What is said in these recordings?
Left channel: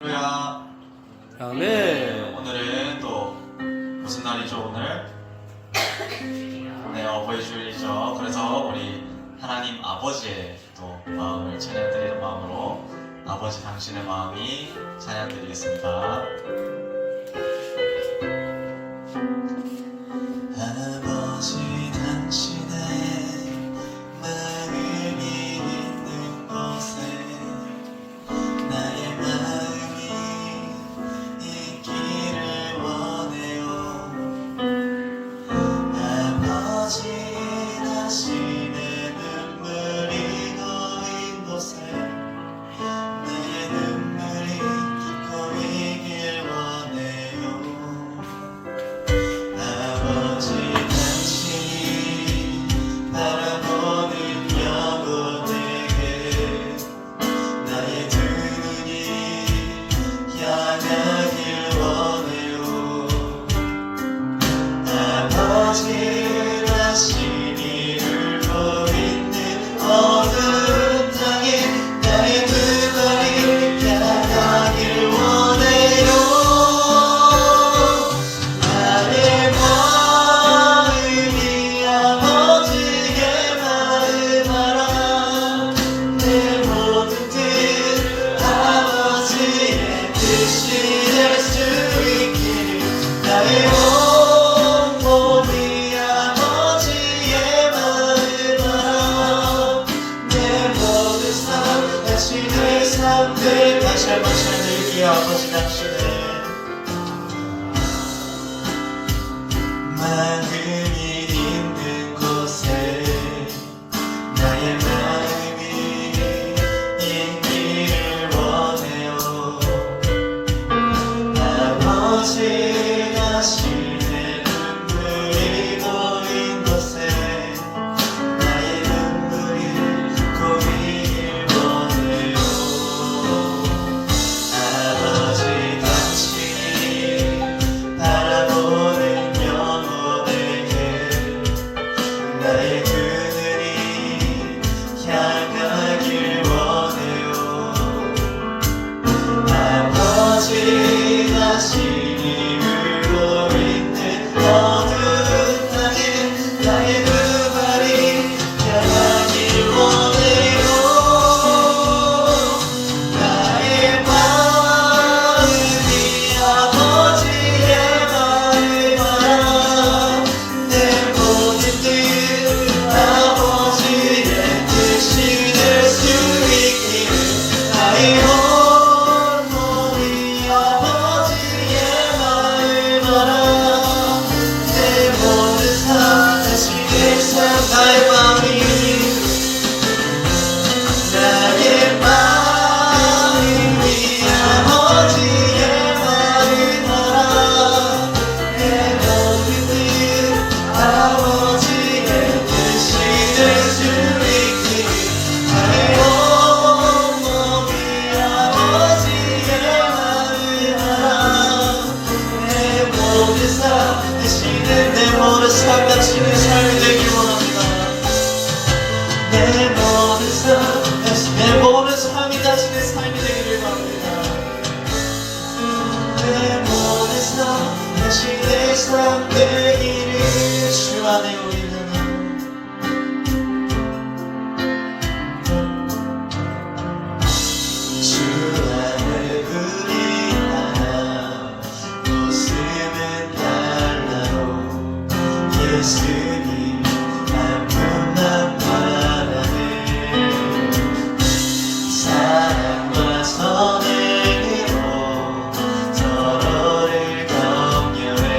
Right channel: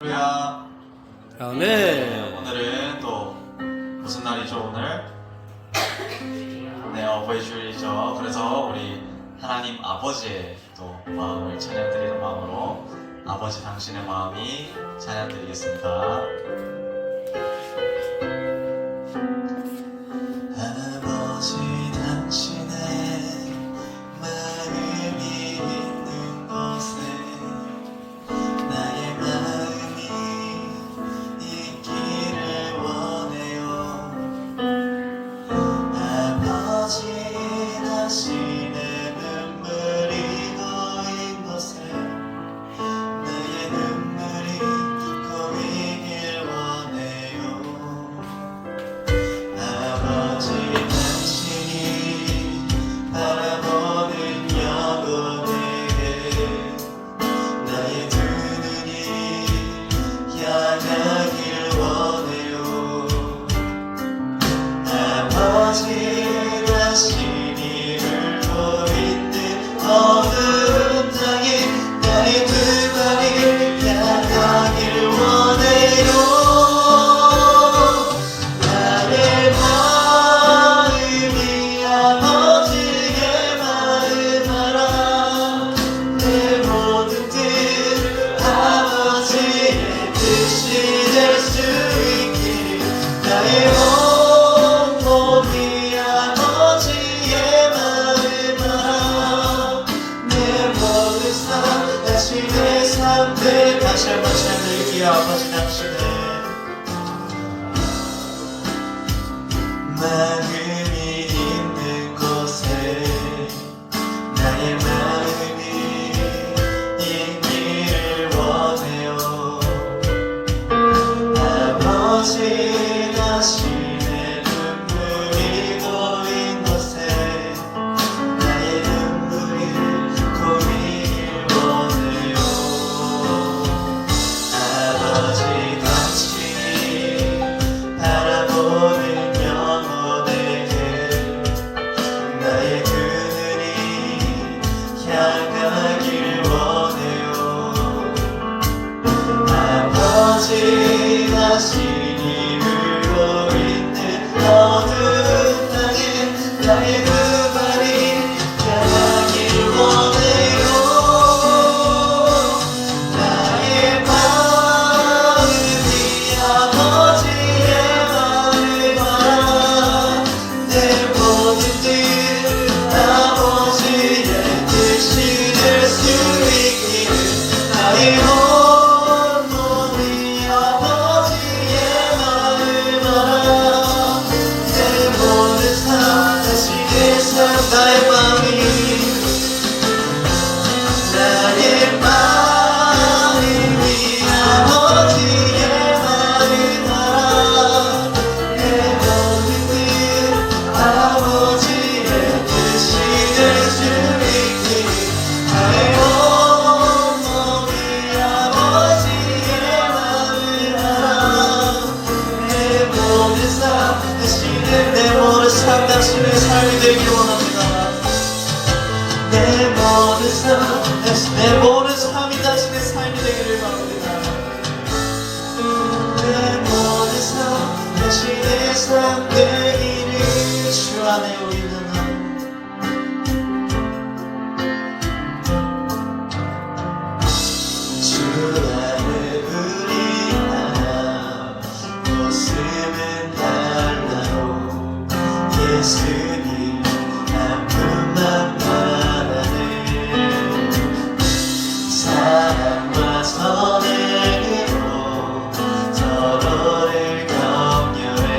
할렐루야. 아멘. 오늘은 또 무슨 날이죠 오늘? 네, 어버이 주일이죠. 그래서 우리 하나님 아버지의 또 마음을 찬양드리는 마음으로 아버지 당신의 마음이 찬양드리겠습니다. 아버지 당신의 마음이 있는 곳에 나의 마음이 있기를 원해요. 아버지 당신의 눈물이 고인 곳에 내 눈물이 고이길 원해요. 아버지 당신이 바라보는 영혼에게 나의 두 눈이 향하길 원해요. 아버지 당신이 울고 있는 어두운 땅에 나의 두 발이 향하길 원해요. 나의 마음이 아버지의 마음 알아. 내 모든 뜻 아버지의 뜻이 될 수 있기를 나의 온 몸이 아버지의 마음 알아. 내 모든 삶 당신의 삶들 같이 한번 찬양드릴게요. 아버지 당신의 마음이 있는 곳에 나의 마음이 있기를 원해요. 아버지 당신의 눈물이 고인 곳에 나의 눈물이 고이길 원해요. 아버지 당신이 바라보는 영혼에게 나의 두 눈이 향하길 원해요. 아버지 당신이 울고 있는 어두운 땅에 나의 두 발이 향하길 원해요. 나의 마음이 아버지의 마음 알아. 내 모든 뜻 아버지의 뜻이 될 수 있기를 나의 온 몸이 아버지의 마음 알아. 내 모든 삶 당신의 삶 나의 마음이 나의 마음이 아버지의 마음 알아. 내 모든 뜻 아버지의 뜻이 될 수 있기를 나의 온 몸이 아버지의 마음 알아. 내 모든 삶 당신의 내 모든 삶 당신의 삶이 되길 원합니다. 내 모든 삶 내 모든 삶이 당신의 삶이 되기를 바랍니다. 내 모든 삶 당신의 삶 되기를 주 안에 우리는 주 안에 우리 하나 모습은 달라도 예수님 한 분만 바라네. 사랑과 선행으로 서로를 격려해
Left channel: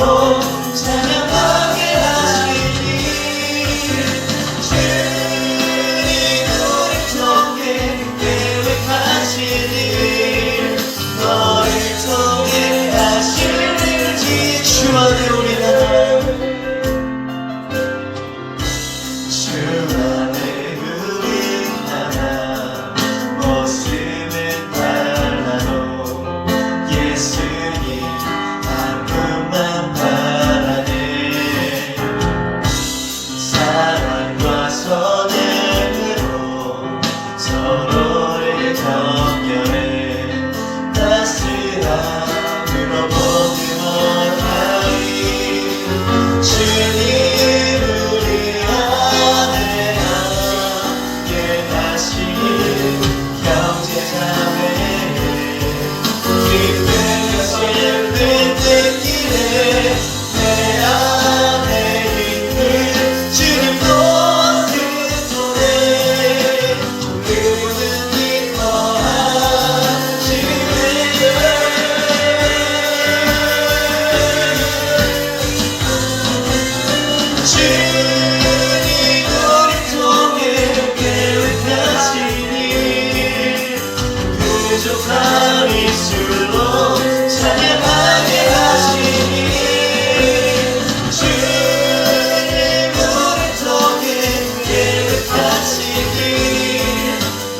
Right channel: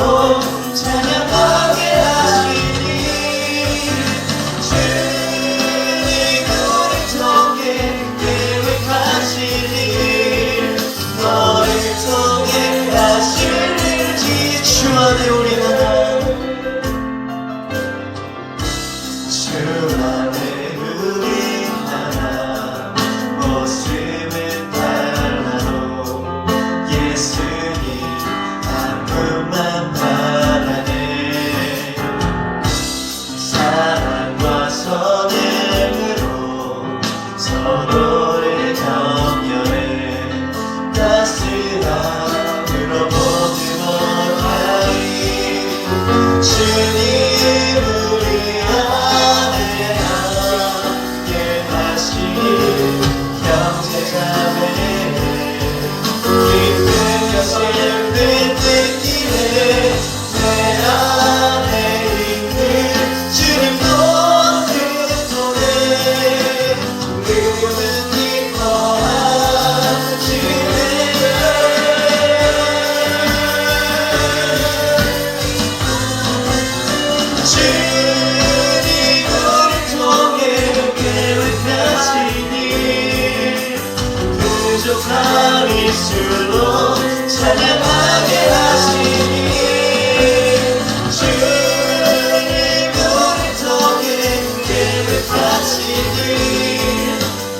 예술로 찬양하게 하시니 주님 우리 통해 계획하신 일 너를 통해 하실 일지 주 안에 우리 나요 주 안에 우리 하나 모습은 달라도 예수님 한 분만 바라네 사랑과 선행으로 서로를 격려해 따스함으로 모두 원하니 주님 우리 안에 함께 하시니 형제자매 기쁘면서 예배드리네 내 안에 있는 주님 모든 손에 우리는 기뻐하시네 주님 우리 통해 계획하시니 부족한 입술로 찬양하게 하시니 주님 우리 통해 계획하시니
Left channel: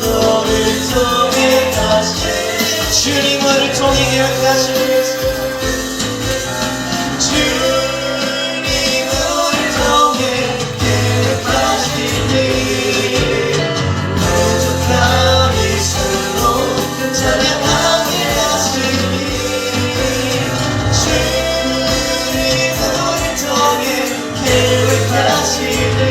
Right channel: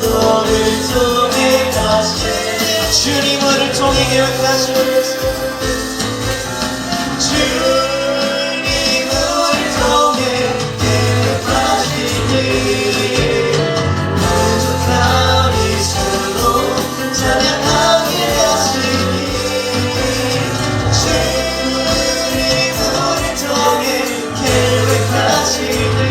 너를 통해 하시니 주님 우리 통해 계획하시니 주님 우리 통해 계획하시니 부족한 입술로 찬양하게 하시니 주님 우리 통해 계획하시니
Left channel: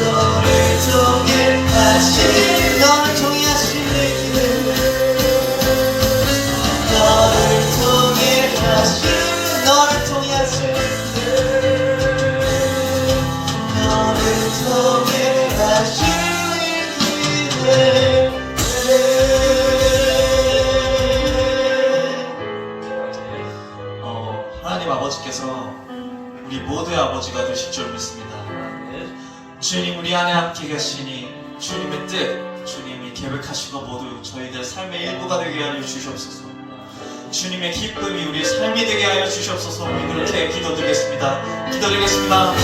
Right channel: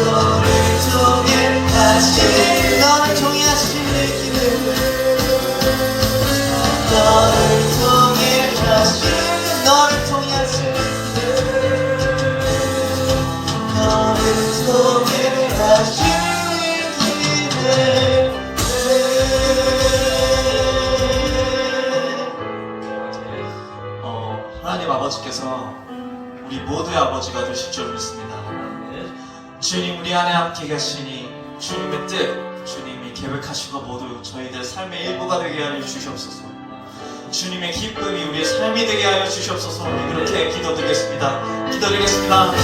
너를 통해 하시니 너를 통해 하시니 너를 통해 하시니 너를 통해 하시니 너를 통해 하시니 하나님 아버지께서 우리 모두의 아버지가 되실 줄 믿습니다. 주님 우리 안에 함께 계시니 주님의 뜻 주님이 계획하신 것 모두 저희들 삶의 일부가 되게 하여 주시옵소서. 주님의 기쁨이 우리의 삶이 되게 하여 주시옵소서. 우리 그렇게 기도드리겠습니다. 기도드리겠습니다.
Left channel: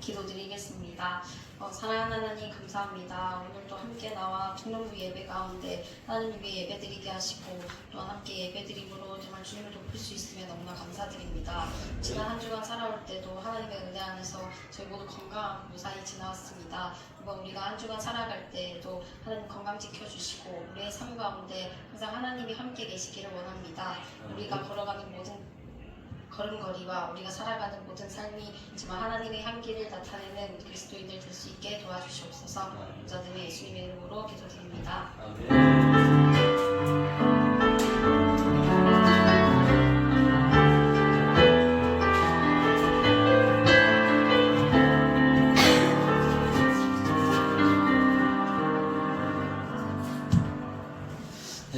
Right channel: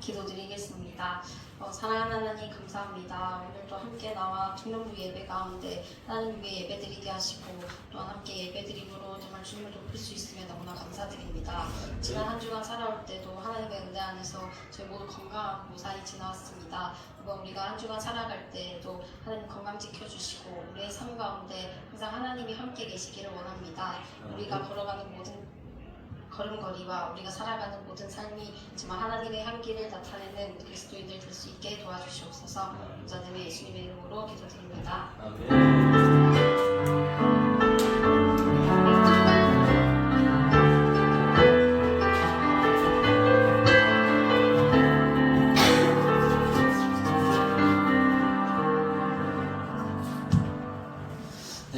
기도드리겠습니다. 사랑하는 하나님 감사합니다. 오늘도 함께 나와 청년부 예배 가운데 하나님 위해 예배드리게 하시고 또 함께 예배드림으로 정말 주님을 높일 수 있으면 너무나 감사드립니다. 지난 한 주간 살아올 때도 하나님의 은혜 안에서 저희 모두 건강하고 무사히 지나왔습니다. 이번 우리가 한 주간 살아갈 때도 하나님 건강 지켜주시고 우리의 삶 가운데 항상 하나님이 함께 계시기를 원합니다. 우리가 걸어가는 모든 걸음걸이와 우리가 살아가는 모든 삶이 정말 하나님의 향기를 나타내는 그리스도인들 될 수 있게 도와주시옵소서. 부자됨의 예수님의 이름으로 기도드립니다.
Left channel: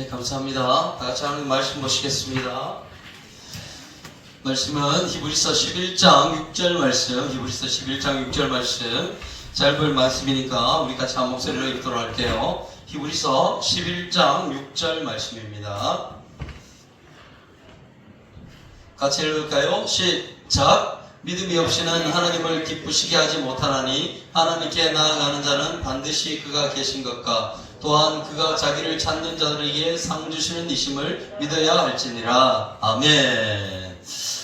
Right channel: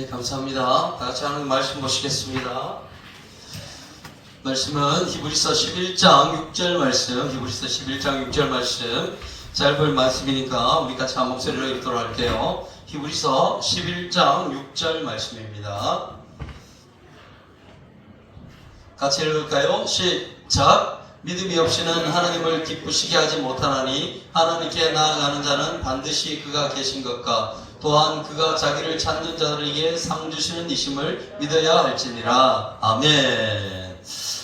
네, 감사합니다. 다 같이 하나님 말씀 보시겠습니다. 말씀은 히브리서 11장 6절 말씀, 히브리서 11장 6절 말씀, 짧은 말씀이니까 우리 같이 한 목소리로 읽도록 할게요. 히브리서 11장 6절 말씀입니다. 같이 읽을까요? 시작! 믿음이 없이는 하나님을 기쁘시게 하지 못하나니 하나님께 나아가는 자는 반드시 그가 계신 것과 또한 그가 자기를 찾는 자들에게 상 주시는 이심을 믿어야 할지니라. 아멘.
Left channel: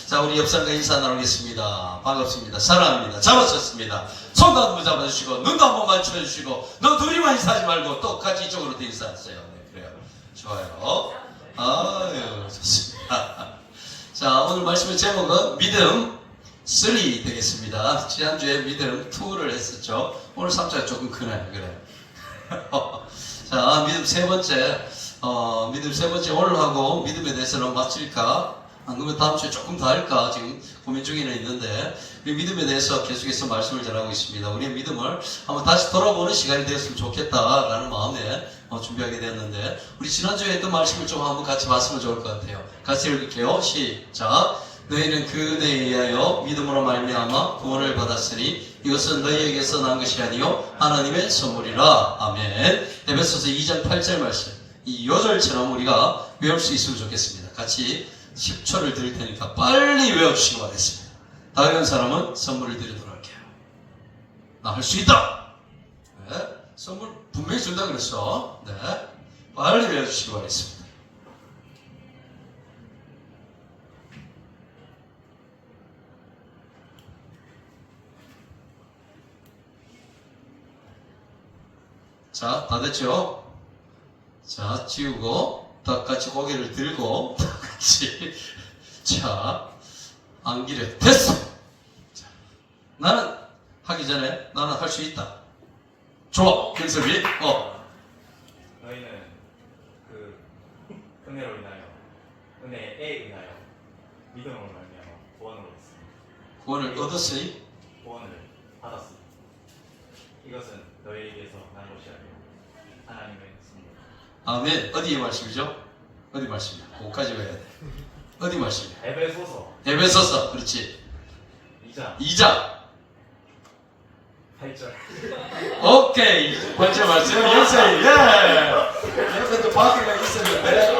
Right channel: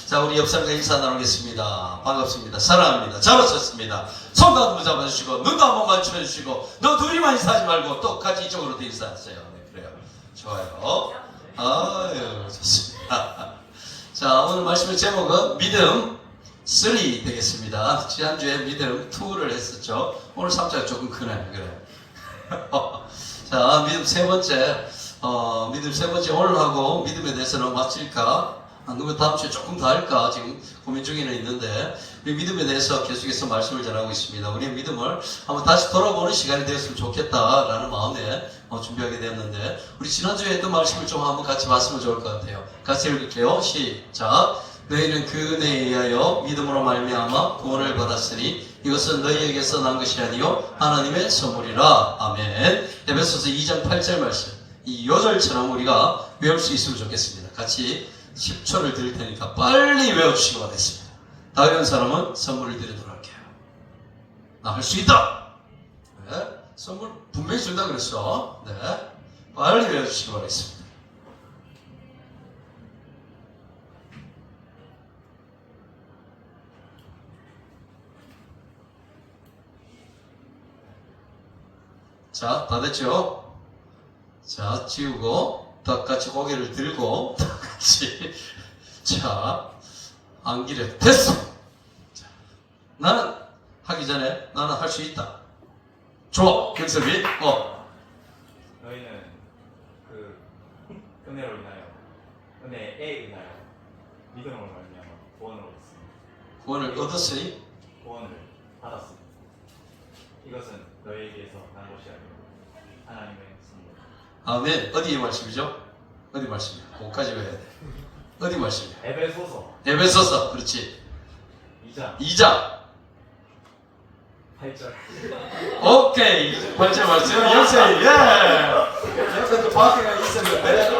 자, 우리 옆상과 인사 나누겠습니다. 반갑습니다. 사랑합니다. 잡아주셨습니다. 손도 한번 잡아주시고 눈도 한번 맞춰주시고 너 둘이만 인사하지 말고 또 같이 이쪽으로 인사하세요. 네, 그래요. 좋아요. 아유, 좋습니다. 자, 오늘 말씀의 제목은 믿음 3 되겠습니다. 지난주에 믿음 2를 했었죠. 오늘 3자가 조금 크네. 그래. 자, 믿음 세 번째 오늘 하고 믿음에 대해서는 마칠까? 안 그러면 다음 주에 조금 더 할까? 지금 고민 중에는 있는데, 우리 믿음에 대해서 계속해서 말씀을 전하고 있습니다. 우리의 믿음을 한번 다시 돌아보는 시간이 되었으면 좋겠다라는 마음에 준비하게 되었는데, 우리 지난주에 했던 말씀을 좀 한번 같이 봤으면 좋을 것 같아요. 같이 읽을게요. 시작! 너희는 그 은혜에 의하여 믿음으로 말미암아 구원을 받았으니 이것은 너희에게서 난 것이 아니요 하나님의 선물이라. 아멘. 에베소서 2장 8절 말씀, 이 요절처럼 우리가 외울 수 있으면 좋겠습니다. 같이 10초를 드릴 테니까 빨리 외우시기 바라겠습니다. 다 외운 사람은 선물을 드리도록 할게요. 나 할 수 있다. 네. 선물 분명히 준다 그랬어. 네. 빨리 외워주시기 바라겠습니다. 자, 다 됐죠? 자, 지우고, 다 같이 고개를 들고, 다 같이, 자, 안기를 됐어! 자, 나는, 하기 전에, 나는 할 수 있다. 좋아, 근섭이, 너희는 그 은혜로 인하여 은혜에 인하여 믿음으로 말미암아 구원을 얻었습니다. 구원을 얻었으니, 구원을 받았습니다. 이것은 너희에게서 난 것이 아니고 하나님의 선물. 아멘. 어디의 말씀이죠? 어디 말씀이야? 거기까지 가야 돼. 어디 말씀이야? 에베소서 에베소서, 그렇지. 2장 2장. 8절. 오케이. 번째 말씀, 영세이, 예! 옆에도 바퀴가 있었는데,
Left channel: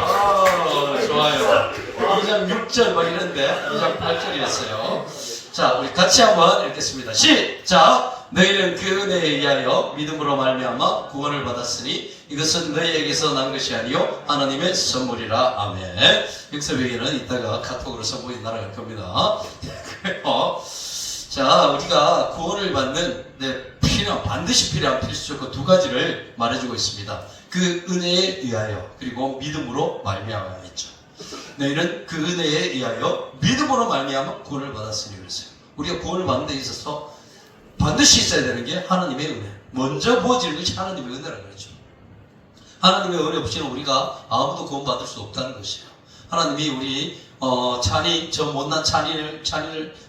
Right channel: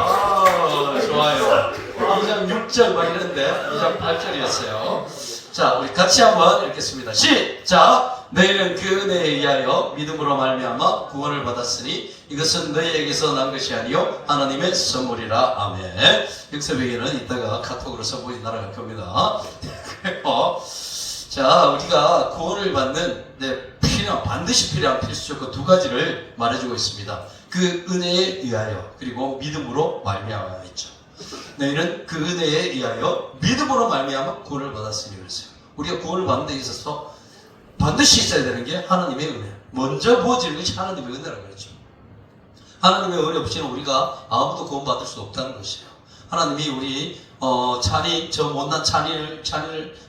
좋아요. 2장 6절 막 이랬는데, 2장 8절이었어요. 자, 우리 같이 한번 읽겠습니다. 시작! 너희는 그 은혜에 의하여 믿음으로 말미암아 구원을 받았으니 이것은 너희에게서 난 것이 아니요 하나님의 선물이라. 아멘. 육섭에게는 이따가 카톡으로 선물이 날아갈 겁니다. 자, 우리가 구원을 받는 반드시 필요한 필수 조건 두 가지를 말해주고 있습니다. 그 은혜에 의하여 그리고 믿음으로 말미암아 했죠. 너희는 그 은혜에 의하여 믿음으로 말미암아 구원을 받았으니 그랬어요. 우리가 구원을 받는 데 있어서 반드시 있어야 되는 게 하나님의 은혜. 먼저 모아지는 것이 하나님의 은혜라고 그랬죠. 하나님의 은혜 없이는 우리가 아무도 구원받을 수 없다는 것이에요. 하나님이 우리 저 못난 찬이를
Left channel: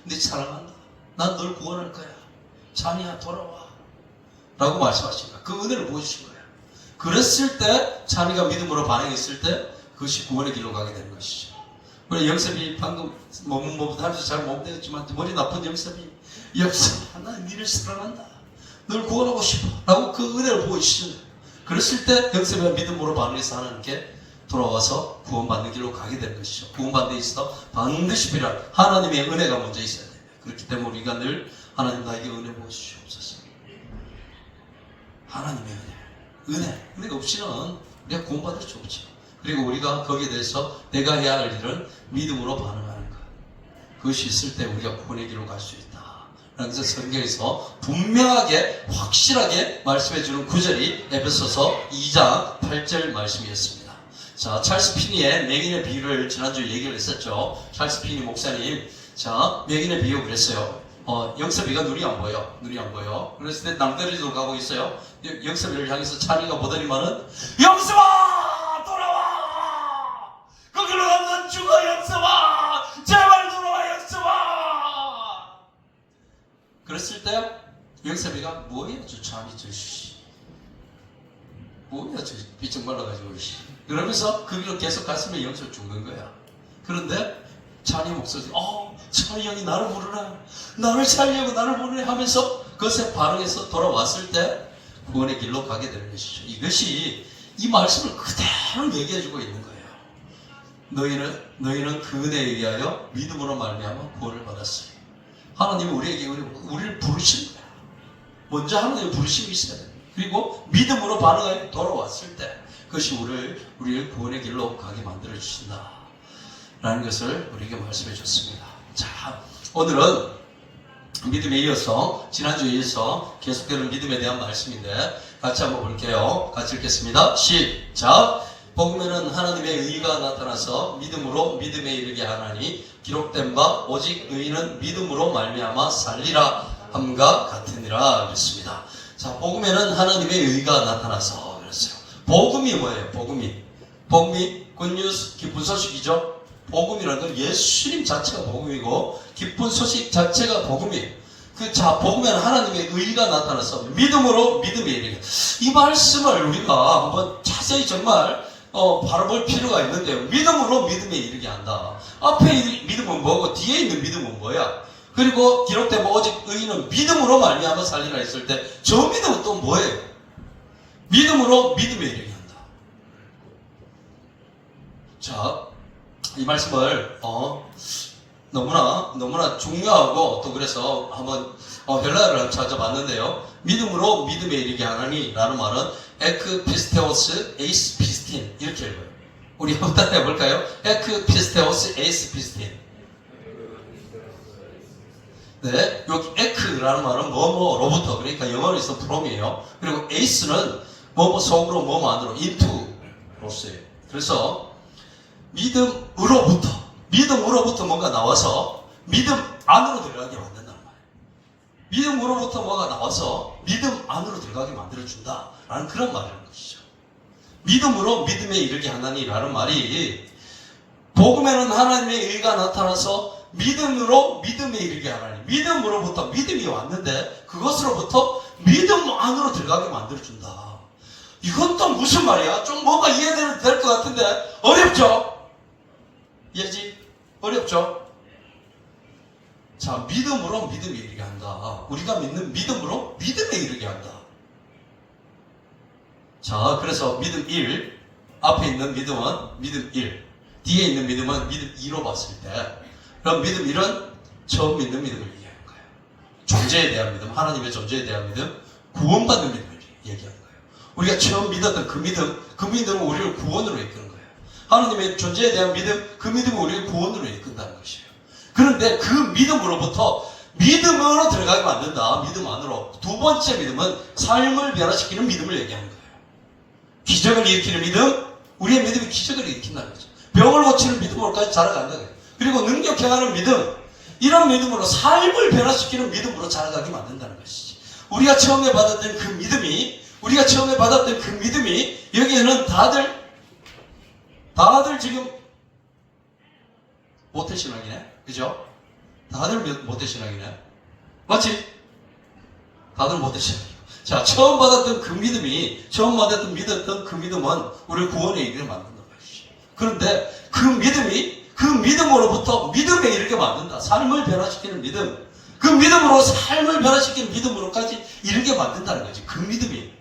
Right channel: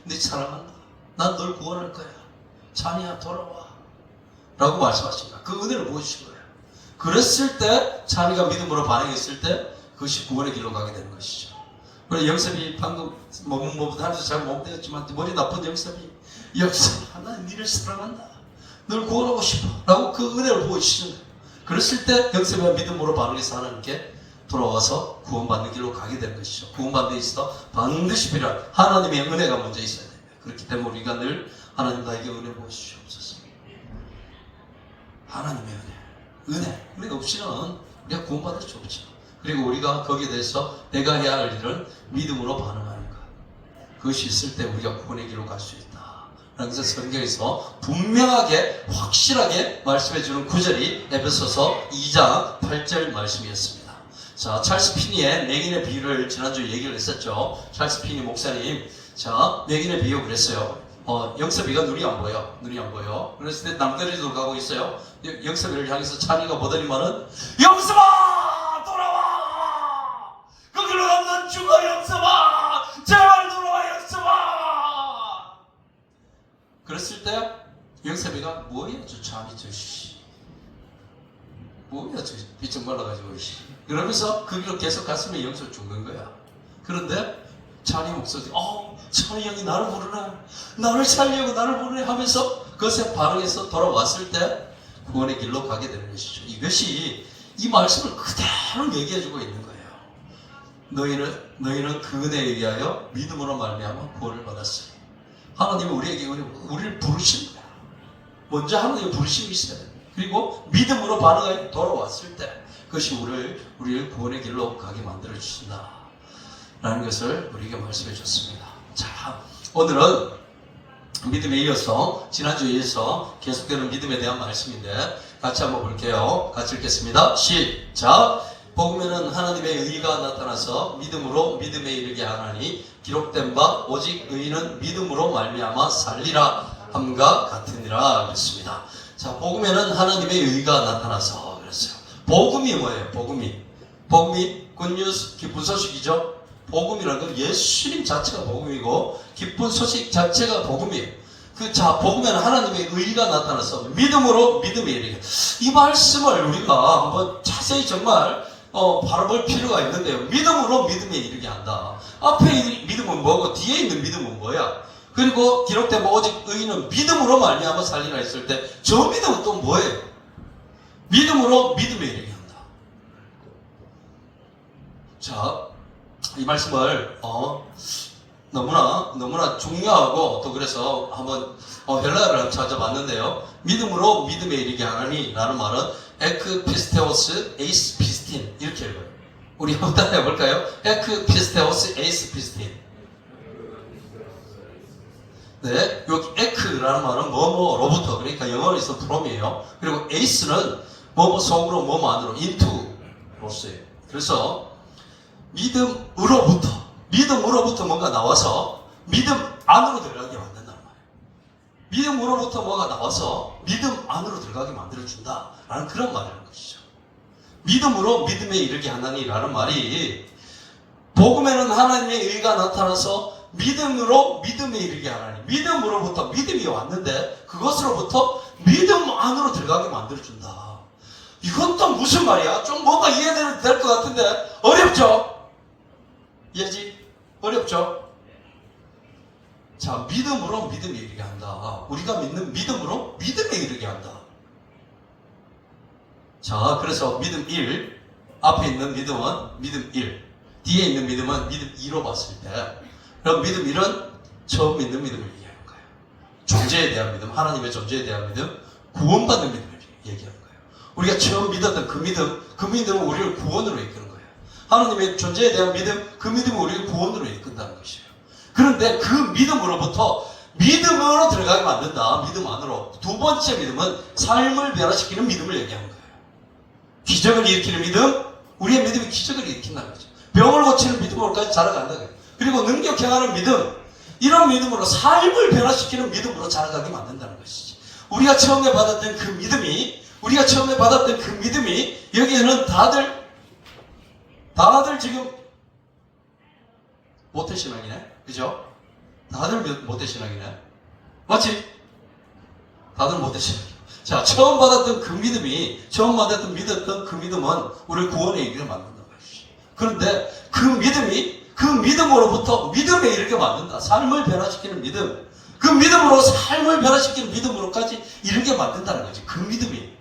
네 사랑한다. 난 널 구원할 거야. 찬이야 돌아와. 라고 말씀하십니다. 그 은혜를 보여주신 거예요. 그랬을 때 찬이가 믿음으로 반응했을 때 그것이 구원의 길로 가게 되는 것이죠. 우리 영섭이 방금 하면서 잘 못 되었지만 머리 나쁜 영섭이 영섭아 난 니를 사랑한다. 널 구원하고 싶어. 라고 그 은혜를 보여주시는 거예요. 그랬을 때 영섭이가 믿음으로 반응해서 하나님께 돌아와서 구원받는 길로 가게 되는 것이죠. 구원받는 데 있어 반드시 필요한 하나님의 은혜가 먼저 있어야 돼요. 그렇기 때문에 우리가 늘 하나님 나에게 은혜 보여주시옵소서. 하나님의 은혜가 없이는 우리가 구원받을 수 없죠. 그리고 우리가 거기에 대해서 내가 해야 할 일은 믿음으로 반응하는 것. 그것이 있을 때 우리가 구원의 길로 갈 수 있다. 그래서 성경에서 분명하게 확실하게 말씀해주는 구절이 에베소서 2장 8절 말씀이었습니다. 자, 찰스 피니의 맹인의 비유를 지난주에 얘기를 했었죠. 찰스 피니 목사님, 자, 맹인의 비유 그랬어요. 영섭이가 눈이 안 보여. 그랬을 때 남들이도 가고 있어요. 영섭이를 향해서 찬이가 보더니만은, 영섭아! 돌아와! 거기로 가면 죽어, 영섭아! 제발 돌아와, 영섭아! 그랬을 때, 영섭이가 뭐예요, 저 찬이, 뭐야 저 삐쩍 말라가지고 그러면서 그 길로 계속 갔으면 영적 죽는 거야. 그런데 찬이 목소리 찬이 형이 나를 부르나 나를 살려고 나를 부르네 하면서 그것에 반응해서 돌아왔을 때 구원의 길로 가게 되는 것이죠. 이것이 이 말씀을 그대로 얘기해주고 있는 거예요. 너희는 그 은혜에 의하여 믿음으로 말미암아 구원을 받았어요. 하나님은 우리에게 우리를 부르신 거야. 먼저 하나님의 부르심이 있어야 돼요. 그리고 믿음으로 반응하여 돌아왔을 때 그것이 우리를 구원의 길로 가게 만들어 주신다 라는 것을 우리에게 말씀해 줬습니다. 자, 오늘은 믿음에 이어서 지난주에 이어서 계속되는 믿음에 대한 말씀인데 같이 한번 볼게요. 같이 읽겠습니다. 시작. 복음에는 하나님의 의가 나타나서 믿음으로 믿음에 이르게 하나니 기록된 바 오직 의인은 믿음으로 말미암아 살리라 함과 같으니라 그랬습니다. 자, 복음에는 하나님의 의가 나타나서 그랬어요. 복음이 뭐예요? 복음이 굿뉴스 기쁜 소식이죠. 복음이라는 건 예수님 자체가 복음이고 기쁜 소식 자체가 복음이에요. 복음에는 하나님의 의가 나타나서 믿음으로 믿음에 이르게. 이 말씀을 우리가 한번 자세히 정말 바라볼 필요가 있는데요. 믿음으로 믿음에 이르게 한다. 앞에 있는 믿음은 뭐고 뒤에 있는 믿음은 뭐야? 그리고 기록된 오직 의인은 믿음으로 말미암아 살리라 했을 때 저 믿음은 또 뭐예요? 믿음으로 믿음에 이르게 한다. 자, 이 말씀을 너무나 중요하고 또 그래서 한번 헬라어를 찾아봤는데요. 믿음으로 믿음에 이르게 하나니 라는 말은 에크피스테오스 에이스 피스틴 이렇게 읽어요. 우리 한번 따라해 볼까요? 에크피스테오스 에이스 피스틴. 네, 여기 에크라는 말은 뭐뭐로부터, 그러니까 영어에서 from이에요. 그리고 에이스는 뭐뭐 속으로 뭐뭐 안으로 into로서예요. 그래서 믿음으로부터 뭔가 나와서 믿음 안으로 들어가게 만든단 말이에요. 믿음으로부터 뭐가 나와서 믿음 안으로 들어가게 만들어준다라는 그런 말이라는 것이죠. 믿음으로 믿음에 이르게 하나니라는 말이 복음에는 하나님의 의가 나타나서 믿음으로 믿음에 이르게 하나니 믿음으로부터 믿음이 왔는데 그것으로부터 믿음 안으로 들어가게 만들어준다. 이건 또 무슨 말이야? 좀 뭔가 이해될 것 같은데 어렵죠? 이해지? 어렵죠? 자, 믿음으로 믿음에 이르게 한다. 우리가 믿는 믿음으로 믿음에 이르게 한다. 자, 그래서 믿음 1, 앞에 있는 믿음은 믿음 1, 뒤에 있는 믿음은 믿음 2로 봤을 때, 그럼 믿음 1은 처음 믿는 믿음을 얘기하는 거예요. 존재에 대한 믿음, 하나님의 존재에 대한 믿음, 구원받는 믿음을 얘기하는 거예요. 우리가 처음 믿었던 그 믿음은 우리를 구원으로 이끄는 거예요. 하나님의 존재에 대한 믿음, 그 믿음은 우리를 구원으로 이끈다는 것이에요. 그런데 그 믿음으로부터 믿음으로 들어가게 만든다. 믿음 안으로. 두 번째 믿음은 삶을 변화시키는 믿음을 얘기하는 거예요. 기적을 일으키는 믿음, 우리의 믿음이 기적을 일으킨다는 거죠. 병을 고치는 믿음으로까지 자라간다는 거예요. 그리고 능력 행하는 믿음, 이런 믿음으로 삶을 변화시키는 믿음으로 자라가게 만든다는 것이지. 우리가 처음에 받았던 그 믿음이 여기에는 다들 지금 모태신앙이네. 그죠? 다들 모태신앙이네. 맞지? 다들 모태신앙. 자, 처음 받았던 그 믿음은 우리를 구원의 얘기를 만든다는 것이지. 그런데 그 믿음으로부터 믿음에 이르게 만든다. 삶을 변화시키는 믿음. 그 믿음으로 삶을 변화시키는 믿음으로까지 이르게 만든다는 거지. 그 믿음이.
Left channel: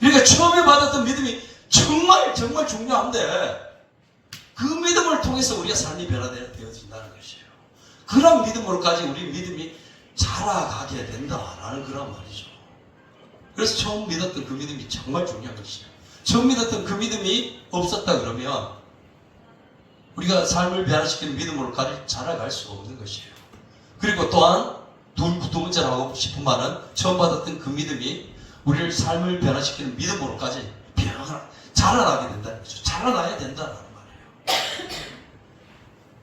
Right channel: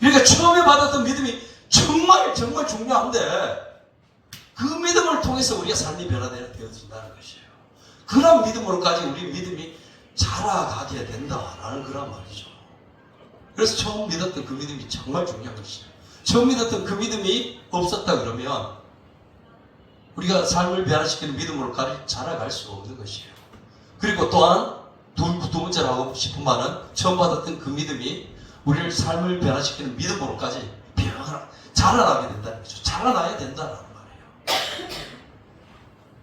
그러니까 처음에 받았던 믿음이 정말 중요한데 그 믿음을 통해서 우리가 삶이 변화되어진다는 것이에요. 그런 믿음으로까지 우리 믿음이 자라가게 된다라는 그런 말이죠. 그래서 처음 믿었던 그 믿음이 정말 중요한 것이죠. 처음 믿었던 그 믿음이 없었다 그러면 우리가 삶을 변화시키는 믿음으로까지 자라갈 수가 없는 것이에요. 그리고 또한 두 번째로 하고 싶은 말은 처음 받았던 그 믿음이 우리를 삶을 변화시키는 믿음으로까지 자라나게 된다는 거죠. 자라나야 된다는 말이에요.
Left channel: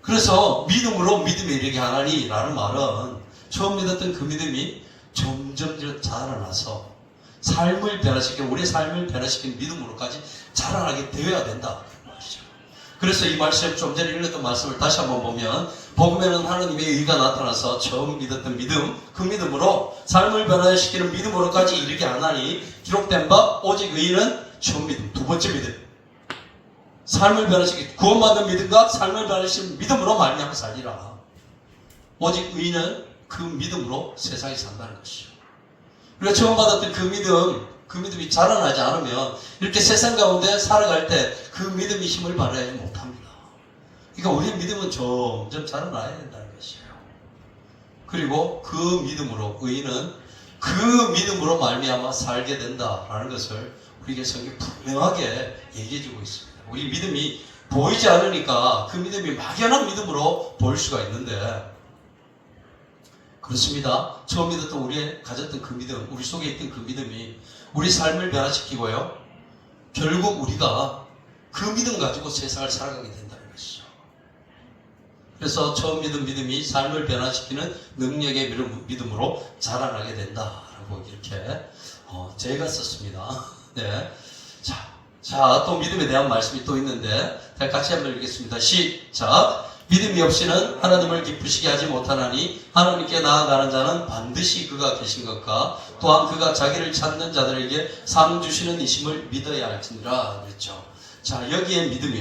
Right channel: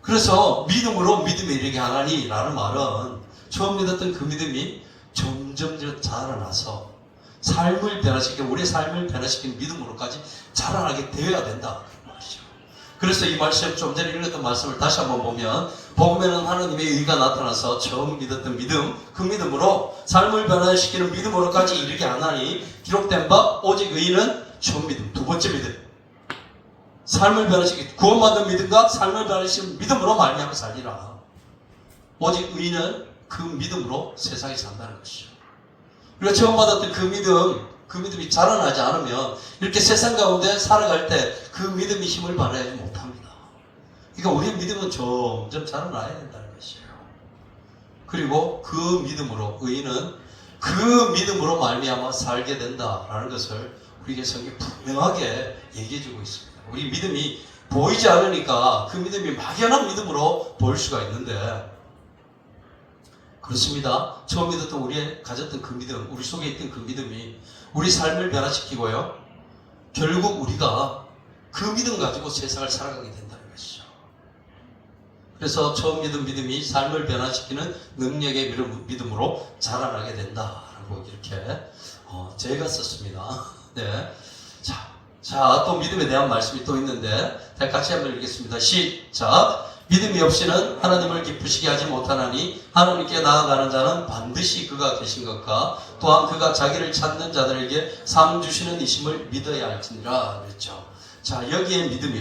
그래서 믿음으로 믿음에 이르게 하나니 라는 말은 처음 믿었던 그 믿음이 점점 자라나서 우리의 삶을 변화시키는 믿음으로까지 자라나게 되어야 된다. 그래서 이 말씀, 좀 전에 읽었던 말씀을 다시 한번 보면 복음에는 하나님의 의가 나타나서 처음 믿었던 믿음, 그 믿음으로 삶을 변화시키는 믿음으로까지 이르게 하나니 기록된 바 오직 의인은 처음 믿음, 두 번째 믿음. 삶을 변화시키는 구원받은 믿음과 삶을 변화시키는 믿음으로 말미암아 살리라. 오직 의인은 그 믿음으로 세상에 산다는 것이죠. 우리가 처음 받았던 그 믿음이 자라나지 않으면 이렇게 세상 가운데 살아갈 때 그 믿음이 힘을 발휘하지 못합니다. 그러니까 우리의 믿음은 점점 자라나야 된다는 것이에요. 그리고 그 믿음으로 의인은 그 믿음으로 말미암아 살게 된다라는 것을 우리에게 성경이 분명하게 얘기해주고 있습니다. 우리 믿음이 보이지 않으니까 그 믿음이 막연한 믿음으로 보일 수가 있는데 그렇습니다. 처음 믿었던 우리의 가졌던 그 믿음, 우리 속에 있던 그 믿음이 우리 삶을 변화시키고요. 결국 우리가 그 믿음 가지고 세상을 살아가게 된다는 것이죠. 그래서 처음 믿은 믿음이 삶을 변화시키는 능력의 믿음으로 자라나게 된다라고 이렇게 제가 썼습니다. 네. 자, 또 믿음에 대한 말씀이 또 있는데 같이 한번 읽겠습니다. 시작. 믿음이 없이는 하나님을 기쁘시게 하지 못하나니 하나님께 나아가는 자는 반드시 그가 계신 것과 또한 그가 자기를 찾는 자들에게 상 주시는 이심을 믿어야 할지니라 그랬죠. 자, 여기에 믿음이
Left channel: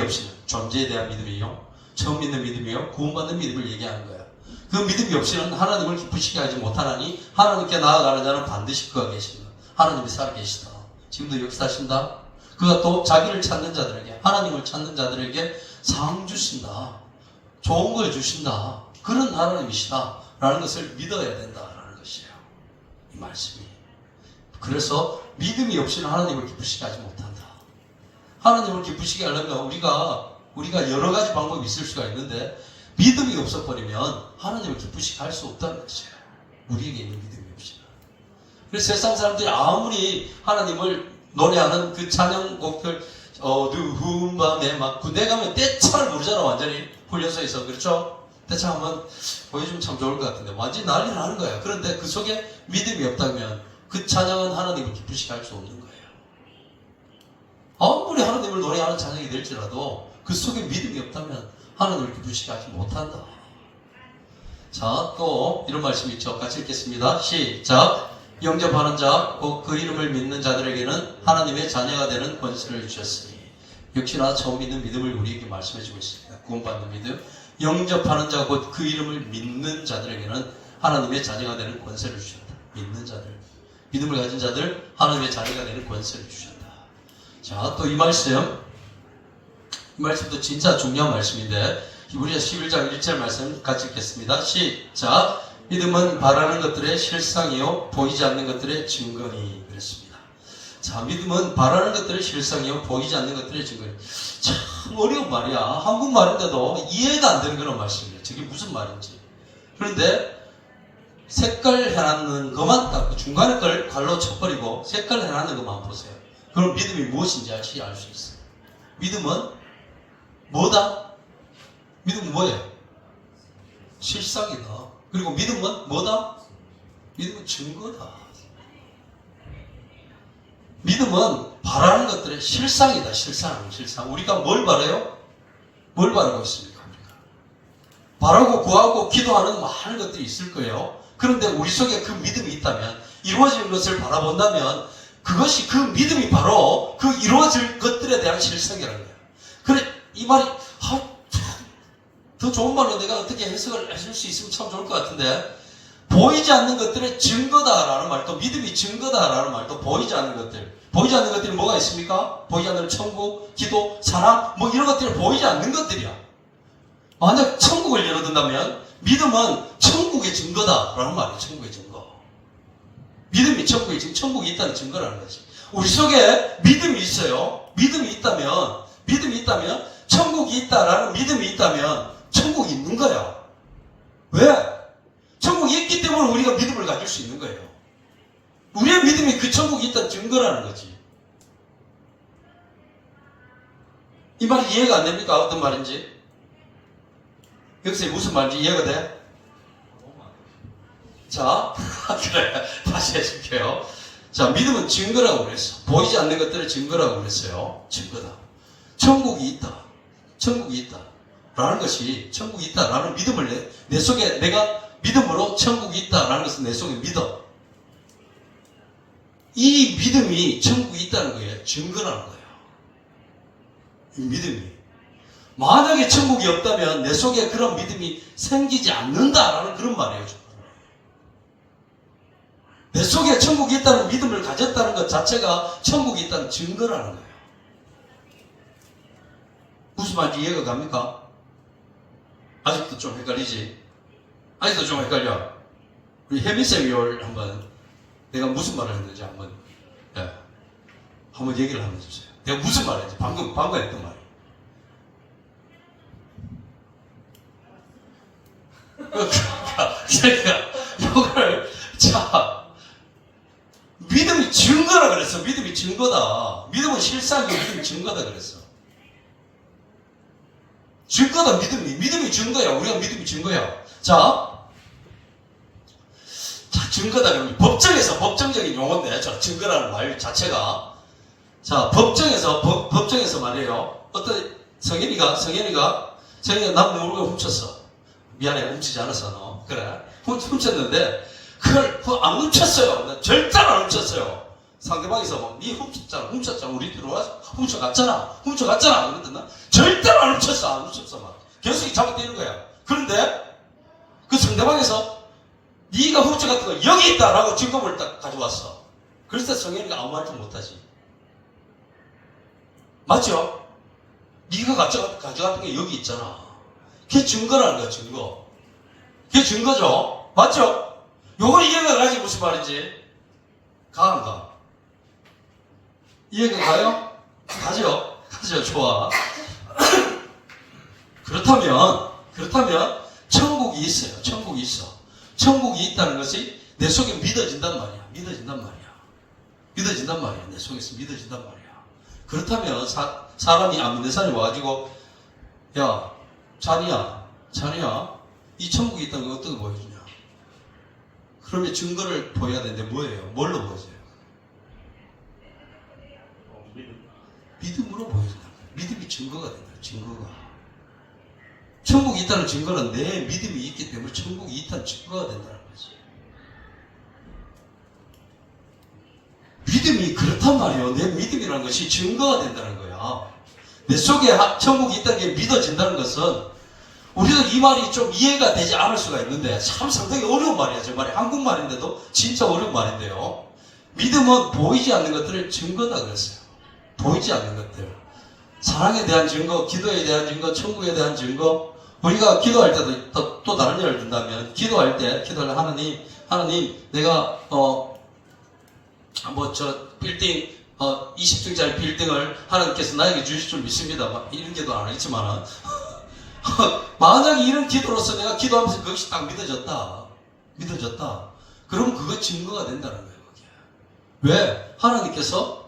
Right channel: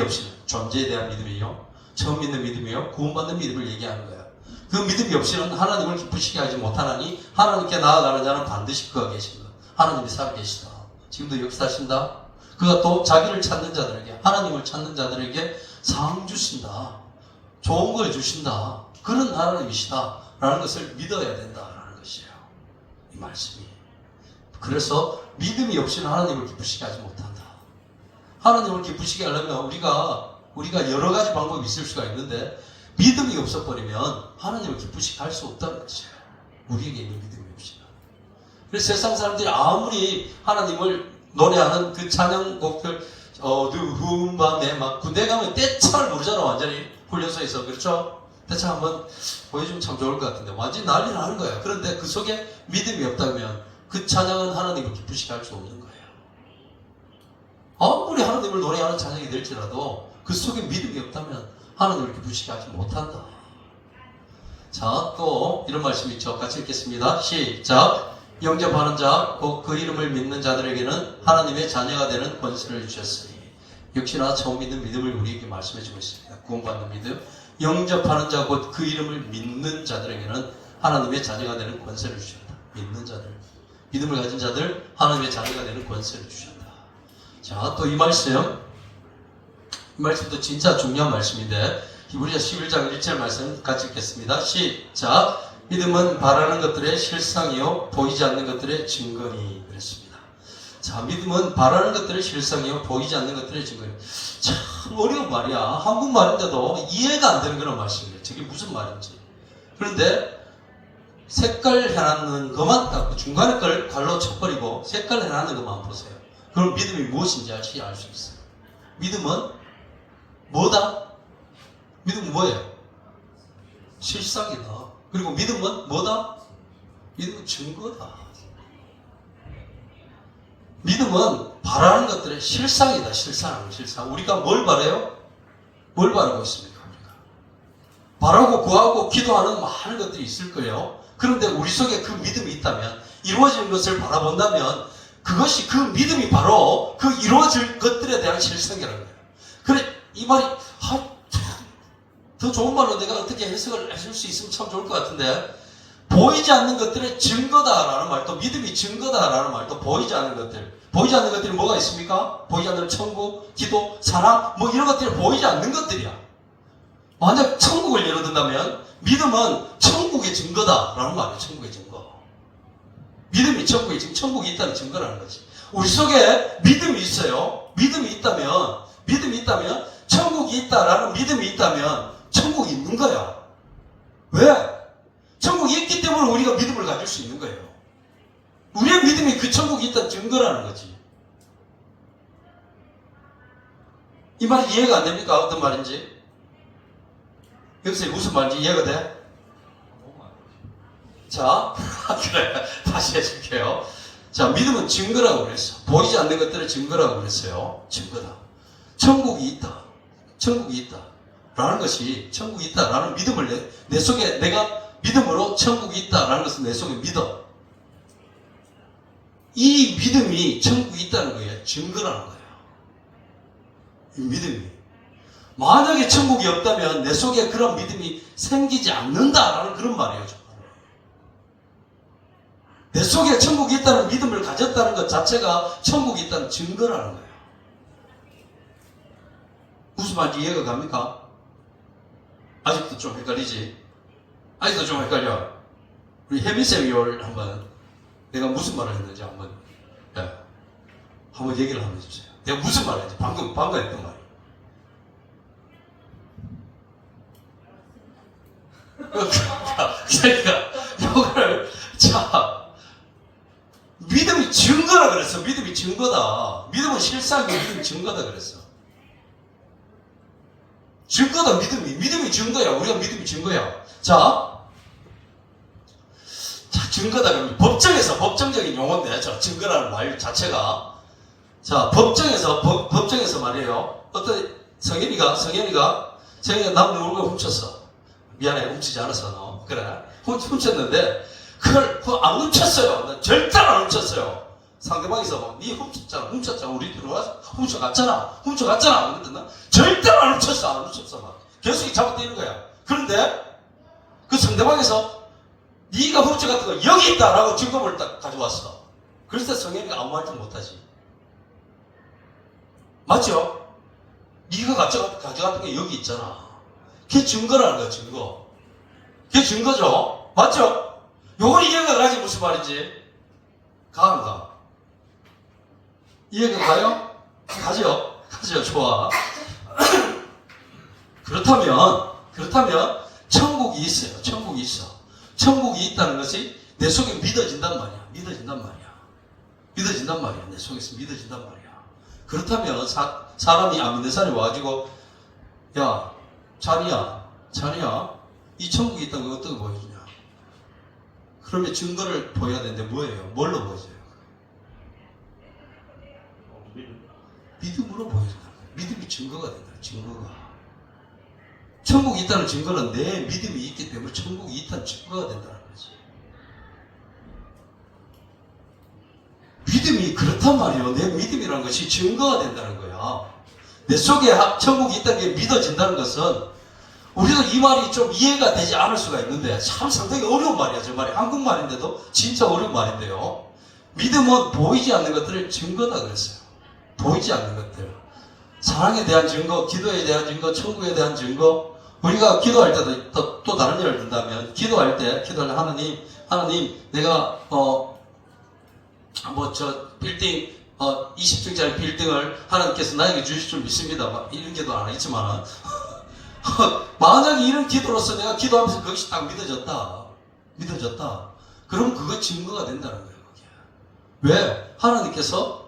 없이는 존재에 대한 믿음이요, 처음 믿는 믿음이요, 구원받는 믿음을 얘기하는 거예요. 그 믿음이 없이는 하나님을 기쁘시게 하지 못하나니 하나님께 나아가는 자는 반드시 그가 계신다. 하나님이 살아계시다. 지금도 역사하신다. 그가 또 자기를 찾는 자들에게, 하나님을 찾는 자들에게 상 주신다. 좋은 걸 주신다. 그런 하나님이시다. 라는 것을 믿어야 된다라는 것이에요. 이 말씀이. 그래서 믿음이 없이는 하나님을 기쁘시게 하지 못한다. 하나님을 기쁘시게 하려면 우리가 여러 가지 방법이 있을 수가 있는데 믿음이 없어버리면 하나님을 기쁘시게 할 수 없다는 것이에요. 우리에게 있는 믿음이 없이는. 그래서 세상 사람들이 아무리 하나님을 노래하는 그 찬양곡들 어두운 밤에 막 군대 가면 떼창을 부르잖아. 완전히 훈련소에서. 그렇죠? 떼창 한번 보여주면 참 좋을 것 같은데 완전히 난리 나는 거야. 그런데 그 속에 믿음이 없다면 그 찬양은 하나님을 기쁘시게 할 수 없는 거예요. 아무리 하나님을 노래하는 찬양이 될지라도 그 속에 믿음이 없다면 하나님을 기쁘시게 하지 못한다. 자, 또 이런 말씀이 있죠. 같이 읽겠습니다. 시작. 영접하는 자, 곧 그 이름을 믿는 자들에게는 하나님의 자녀가 되는 권세를 주셨으니. 역시나 처음 믿는 믿음을 우리에게 말씀해주고 있습니다. 구원받는 믿음. 영접하는 자, 곧 그 이름을 믿는 자들에게는 하나님의 자녀가 되는 권세를 주셨다. 믿는 자들, 믿음을 가진 자들, 하나님의 자녀가 되는 권세를 주셨다. 자, 또 이 말씀도 진짜 중요한 말씀인데 히브리서 11장 1절 말씀 같이 읽겠습니다. 시작. 믿음은 바라는 것들의 실상이요 보이지 않는 것들의 증거니. 그랬습니다. 자, 믿음은 바라는 것들의 실상이요 보이지 않는 것들의 증거니. 참 어려운 말이야. 한국말인데도 이해가 안 되는 그런 말씀이에요. 저게 무슨 말인지. 그런데 색깔 해놨는 것만 딱 중간에 걸 갈로 쳐버리고 색깔 해놨는 것만 보세요. 그럼 믿음이 무엇인지 알 수 있어요. 믿음은 뭐다? 믿음은 뭐예요? 실상이다. 그리고 믿음은 뭐다? 믿음은 증거다. 믿음은 바라는 것들의 실상이다. 실상. 우리가 뭘 바라요? 뭘 바라고 있습니까? 우리가 바라고 구하고 기도하는 많은 것들이 있을 거예요. 그런데 우리 속에 그 믿음이 있다면, 이루어지는 것을 바라본다면 그것이, 그 믿음이 바로 그 이루어질 것들에 대한 실상이라는 거예요. 그래, 이 말이 더 좋은 말로 내가 어떻게 해석을 해줄 수 있으면 참 좋을 것 같은데, 보이지 않는 것들의 증거다라는 말도, 믿음이 증거다라는 말도, 보이지 않는 것들이 뭐가 있습니까? 보이지 않는 천국, 기도, 사랑, 뭐 이런 것들이 보이지 않는 것들이야. 만약 천국을 예로 든다면 믿음은 천국의 증거다라는 말이에요. 천국의 증거. 믿음이 천국의 증거, 천국이 있다는 증거라는 거지. 우리 속에 믿음이 있어요. 믿음이 있다면 천국이 있다라는 믿음이 있다면 천국이 있는 거야. 왜? 천국이 있기 때문에 우리가 믿음을 가질 수 있는 거예요. 우리의 믿음이 그 천국이 있다는 증거라는 거지. 이 말이 이해가 안 됩니까? 어떤 말인지? 여기서 무슨 말인지 이해가 돼? 자, 그래. 다시 해줄게요. 자, 믿음은 증거라고 그랬어. 보이지 않는 것들을 증거라고 그랬어요. 증거다. 천국이 있다. 라는 것이 천국이 있다라는 믿음을 내 속에 내가 믿음으로 천국이 있다라는 것을 내 속에 믿어. 이 믿음이 천국이 있다는 거예요. 증거라는 거예요. 이 믿음이. 만약에 천국이 없다면 내 속에 그런 믿음이 생기지 않는다라는 그런 말이에요. 내 속에 천국이 있다는 믿음을 가졌다는 것 자체가 천국이 있다는 증거라는 거예요. 무슨 말인지 이해가 갑니까? 아직도 좀 헷갈리지? 아직도 좀 헷갈려. 우리 혜미쌤이 한번 내가 무슨 말을 했는지 한번 얘기를 한번 해주세요. 내가 무슨 말을 했는지 방금 했던 말이. 그러니까 이걸 믿음이 증거라 그랬어. 믿음이 증거다. 믿음은 실상이고 믿음이 증거다 그랬어. 증거다 믿음이 증거야. 우리가 믿음이 증거야. 자 증거다. 법정적인 용어인데 증거라는 말 자체가 자 법정에서 말이에요. 어떤 성현이가 남 모르고 훔쳤어. 미안해 훔치지 않았어 너. 그래 훔쳤는데 그걸 안 훔쳤어요. 절대로 안 훔쳤어요. 상대방에서 니 훔쳤잖아. 우리 들어와서 훔쳐갔잖아. 그랬더니 절대로 안 훔쳤어. 막 계속 잡아떼는 거야. 그런데 그 상대방에서 니가 훔쳐갔던 거 여기 있다라고 증거물을 딱 가져왔어. 그럴 때 성현이가 아무 말도 못하지. 맞죠? 니가 가져갔던 게 여기 있잖아. 그게 증거라는 거야. 증거. 그게 증거죠. 맞죠? 요건 이해가 가지 무슨 말인지. 가 안 가? 이해가 가요? 가죠? 좋아. 그렇다면 천국이 있어요. 천국이 있어. 천국이 있다는 것이 내 속에 믿어진단 말이야. 내 속에서 믿어진단 말이야. 그렇다면 사람이 안 믿는 사람이 와가지고 야 자니야 이 천국이 있다는 거 어떻게 보여주냐. 그러면 증거를 보여야 되는데 뭐예요? 뭘로 보여줘요? 믿음으로 보여준다. 믿음이 증거가 된다. 증거가. 천국이 있다는 증거는 내 믿음이 있기 때문에 천국이 있다는 증거가 된다는 거지. 믿음이 그렇단 말이에요. 내 믿음이라는 것이 증거가 된다는 거야. 내 속에 천국이 있다는 게 믿어진다는 것은 우리도 이 말이 좀 이해가 되지 않을 수가 있는데 참 상당히 어려운 말이야. 저 말이 한국말인데도 진짜 어려운 말인데요. 믿음은 보이지 않는 것들을 증거다 그랬어요. 보이지 않는 것들. 사랑에 대한 증거, 기도에 대한 증거, 천국에 대한 증거. 우리가 기도할 때도 또 다른 예를 든다면 기도하는 하나님 내가 빌딩 20층짜리 빌딩을 하나님께서 나에게 주실 줄 믿습니다. 막 이런 기도 안 했지만은 만약에 이런 기도로서 내가 기도하면서 그것이 딱 믿어졌다. 그럼 그거 증거가 된다는 거예요. 그게. 왜? 하나님께서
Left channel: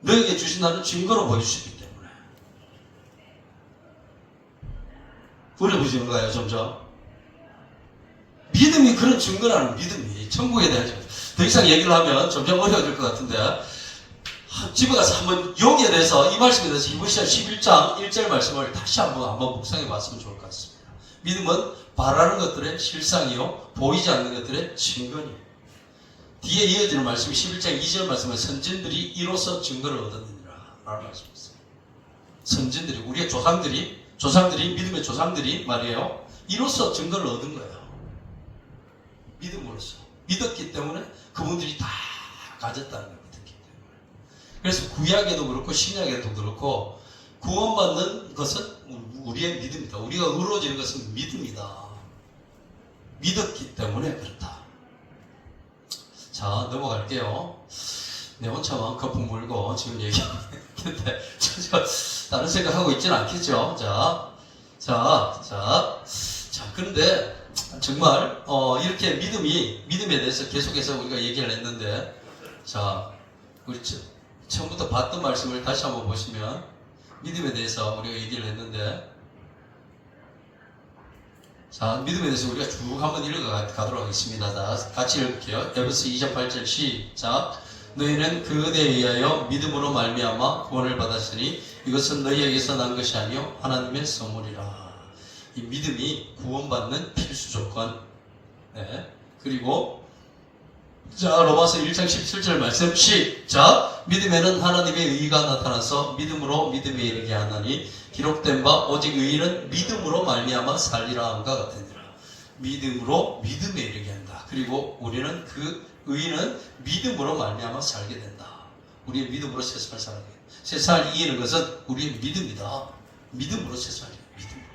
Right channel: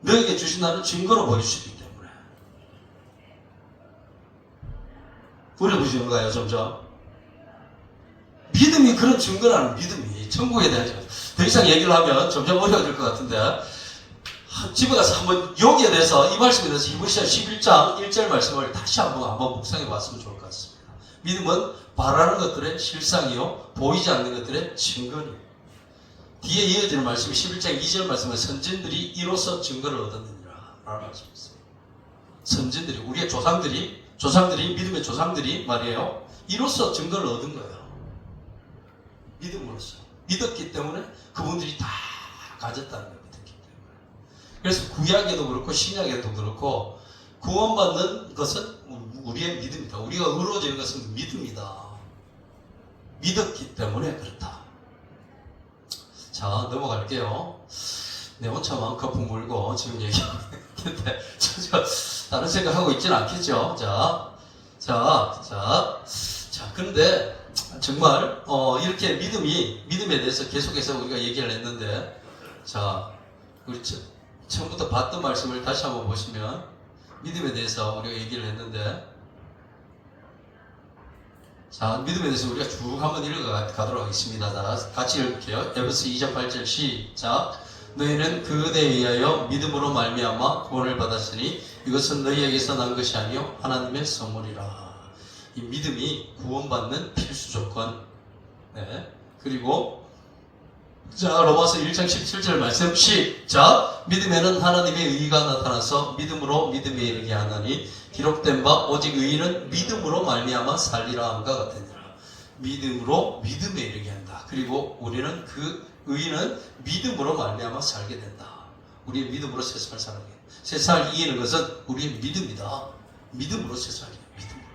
너에게 주신다는 증거로 보여주시기 때문에. 어려워지는 거예요, 점점. 믿음이 그런 증거라는 믿음이 천국에 대한 증거. 더 이상 얘기를 하면 점점 어려워질 것 같은데 집에 가서 한번 여기에 대해서 이 말씀에 대해서 히브리서 11장 1절 말씀을 다시 한번 묵상해 봤으면 좋을 것 같습니다. 믿음은 바라는 것들의 실상이요 보이지 않는 것들의 증거니. 뒤에 이어지는 말씀이 11장 2절 말씀은 선진들이 이로써 증거를 얻었느니라 라는 말씀이 있어요. 선진들이 우리의 조상들이 믿음의 조상들이 말이에요. 이로써 증거를 얻은 거예요. 믿음으로써. 믿었기 때문에 그분들이 다 가졌다는 거예요. 믿었기 때문에. 그래서 구약에도 그렇고 신약에도 그렇고 구원받는 것은 우리의 믿음이다. 우리가 의로워지는 것은 믿음이다. 믿었기 때문에 그렇다. 자, 넘어갈게요. 내 혼자만 거품 물고 지금 얘기했는데 다른 생각하고 있지는 않겠죠. 그런데 정말 이렇게 믿음에 대해서 계속해서 우리가 얘기를 했는데, 자, 우리 처음부터 봤던 말씀을 다시 한번 보시면 믿음에 대해서 우리가 얘기를 했는데, 자, 믿음에 대해서 우리가 쭉 한번 읽어가도록 하겠습니다. 자, 같이 읽을게요. 에베소 2장 8절 시작. 너희는 그대에 의하여 믿음으로 말미암아 구원을 받았으니 이것은 너희에게서 난 것이 아니요 하나님의 선물이라. 이 믿음이 구원받는 필수 조건. 네. 그리고 자, 로마서 1장 17절 말씀 시작. 믿음에는 하나님의 의가 나타나서 믿음으로 믿음에 이르게 하나니 기록된 바 오직 의인은 믿음으로 말미암아 살리라 함과 같으니라. 믿음으로 믿음에 이르게 한다. 그리고 우리는 그 의인은 믿음으로 말미암아 살게 된다. 우리의 믿음으로 세상을 살게. 세상을 이기는 것은 우리의 믿음이다. 믿음으로 세상을 이겨. 믿음으로.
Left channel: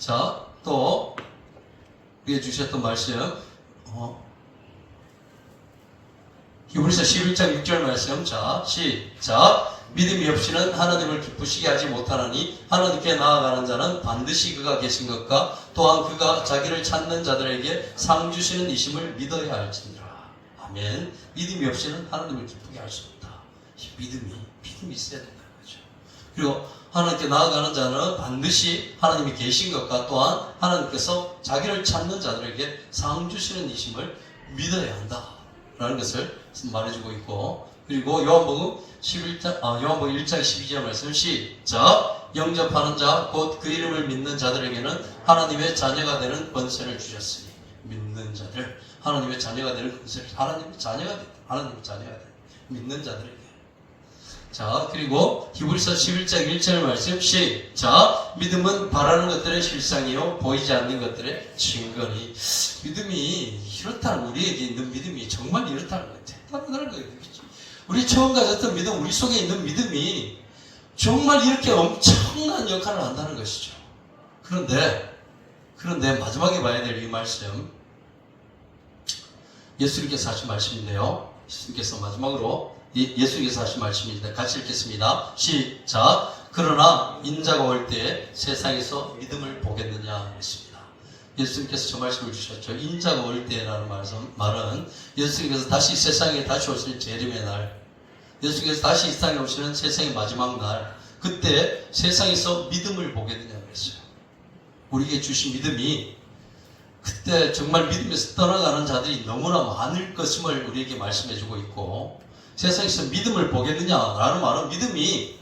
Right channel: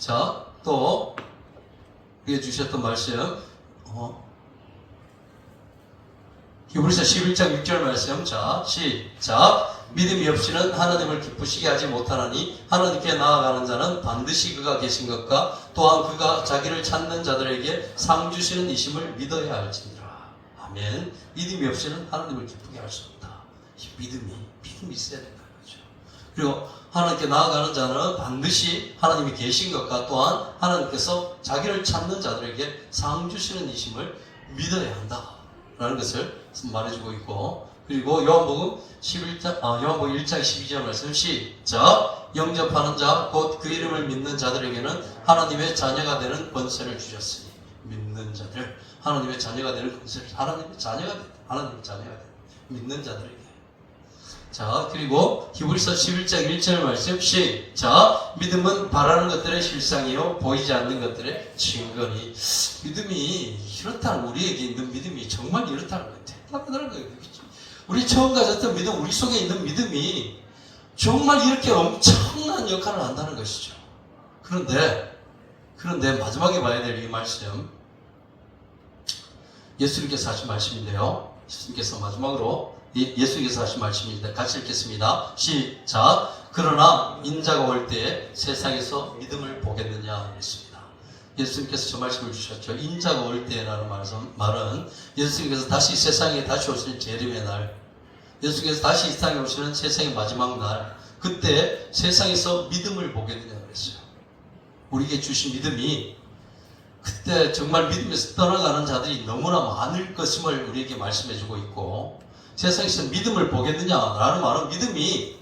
자, 또 위에 주셨던 말씀. 히브리서 11장 6절 말씀. 자, 시작. 믿음이 없이는 하나님을 기쁘시게 하지 못하나니 하나님께 나아가는 자는 반드시 그가 계신 것과 또한 그가 자기를 찾는 자들에게 상 주시는 이심을 믿어야 할지니라. 아멘. 믿음이 없이는 하나님을 기쁘게 할 수 없다. 믿음이 있어야 된다는 거죠. 그리고 하나님께 나아가는 자는 반드시 하나님이 계신 것과 또한 하나님께서 자기를 찾는 자들에게 상 주시는 이심을 믿어야 한다라는 것을 말해주고 있고, 그리고 요한복음 1장 12절 말씀 시작. 영접하는 자 곧 그 이름을 믿는 자들에게는 하나님의 자녀가 되는 권세를 주셨으니. 믿는 자들, 하나님의 자녀가 되는 권세를, 하나님의 자녀가 되는 믿는 자들에게. 자, 그리고 히브리서 11장 1절 말씀 시작. 믿음은 바라는 것들의 실상이요 보이지 않는 것들의 증거니. 믿음이 이렇다는, 우리에게 있는 믿음이 정말 이렇다는 거예요. 대단한 거예요. 우리 처음 가졌던 믿음, 우리 속에 있는 믿음이 정말 이렇게 엄청난 역할을 한다는 것이죠. 그런데 마지막에 봐야 될 이 말씀, 예수님께서 하신 말씀인데요. 예수님께서 하신 말씀인데 같이 읽겠습니다. 시작. 그러나 인자가 올 때 세상에서 믿음을 보겠느냐 했습니다. 예수님께서 저 말씀을 주셨죠. 인자가 올 때라는 말은 예수님께서 다시 세상에 다시 오실 재림의 날, 예수님께서 다시 이 땅에 오시는 세상의 마지막 날, 그때 세상에서 믿음을 보겠느냐고 했어요. 우리에게 주신 믿음이 그때 정말 믿음에서 떠나가는 자들이 너무나 많을 것임을 우리에게 말씀해주고 있고, 세상에서 믿음을 보겠느냐라는 말은 믿음이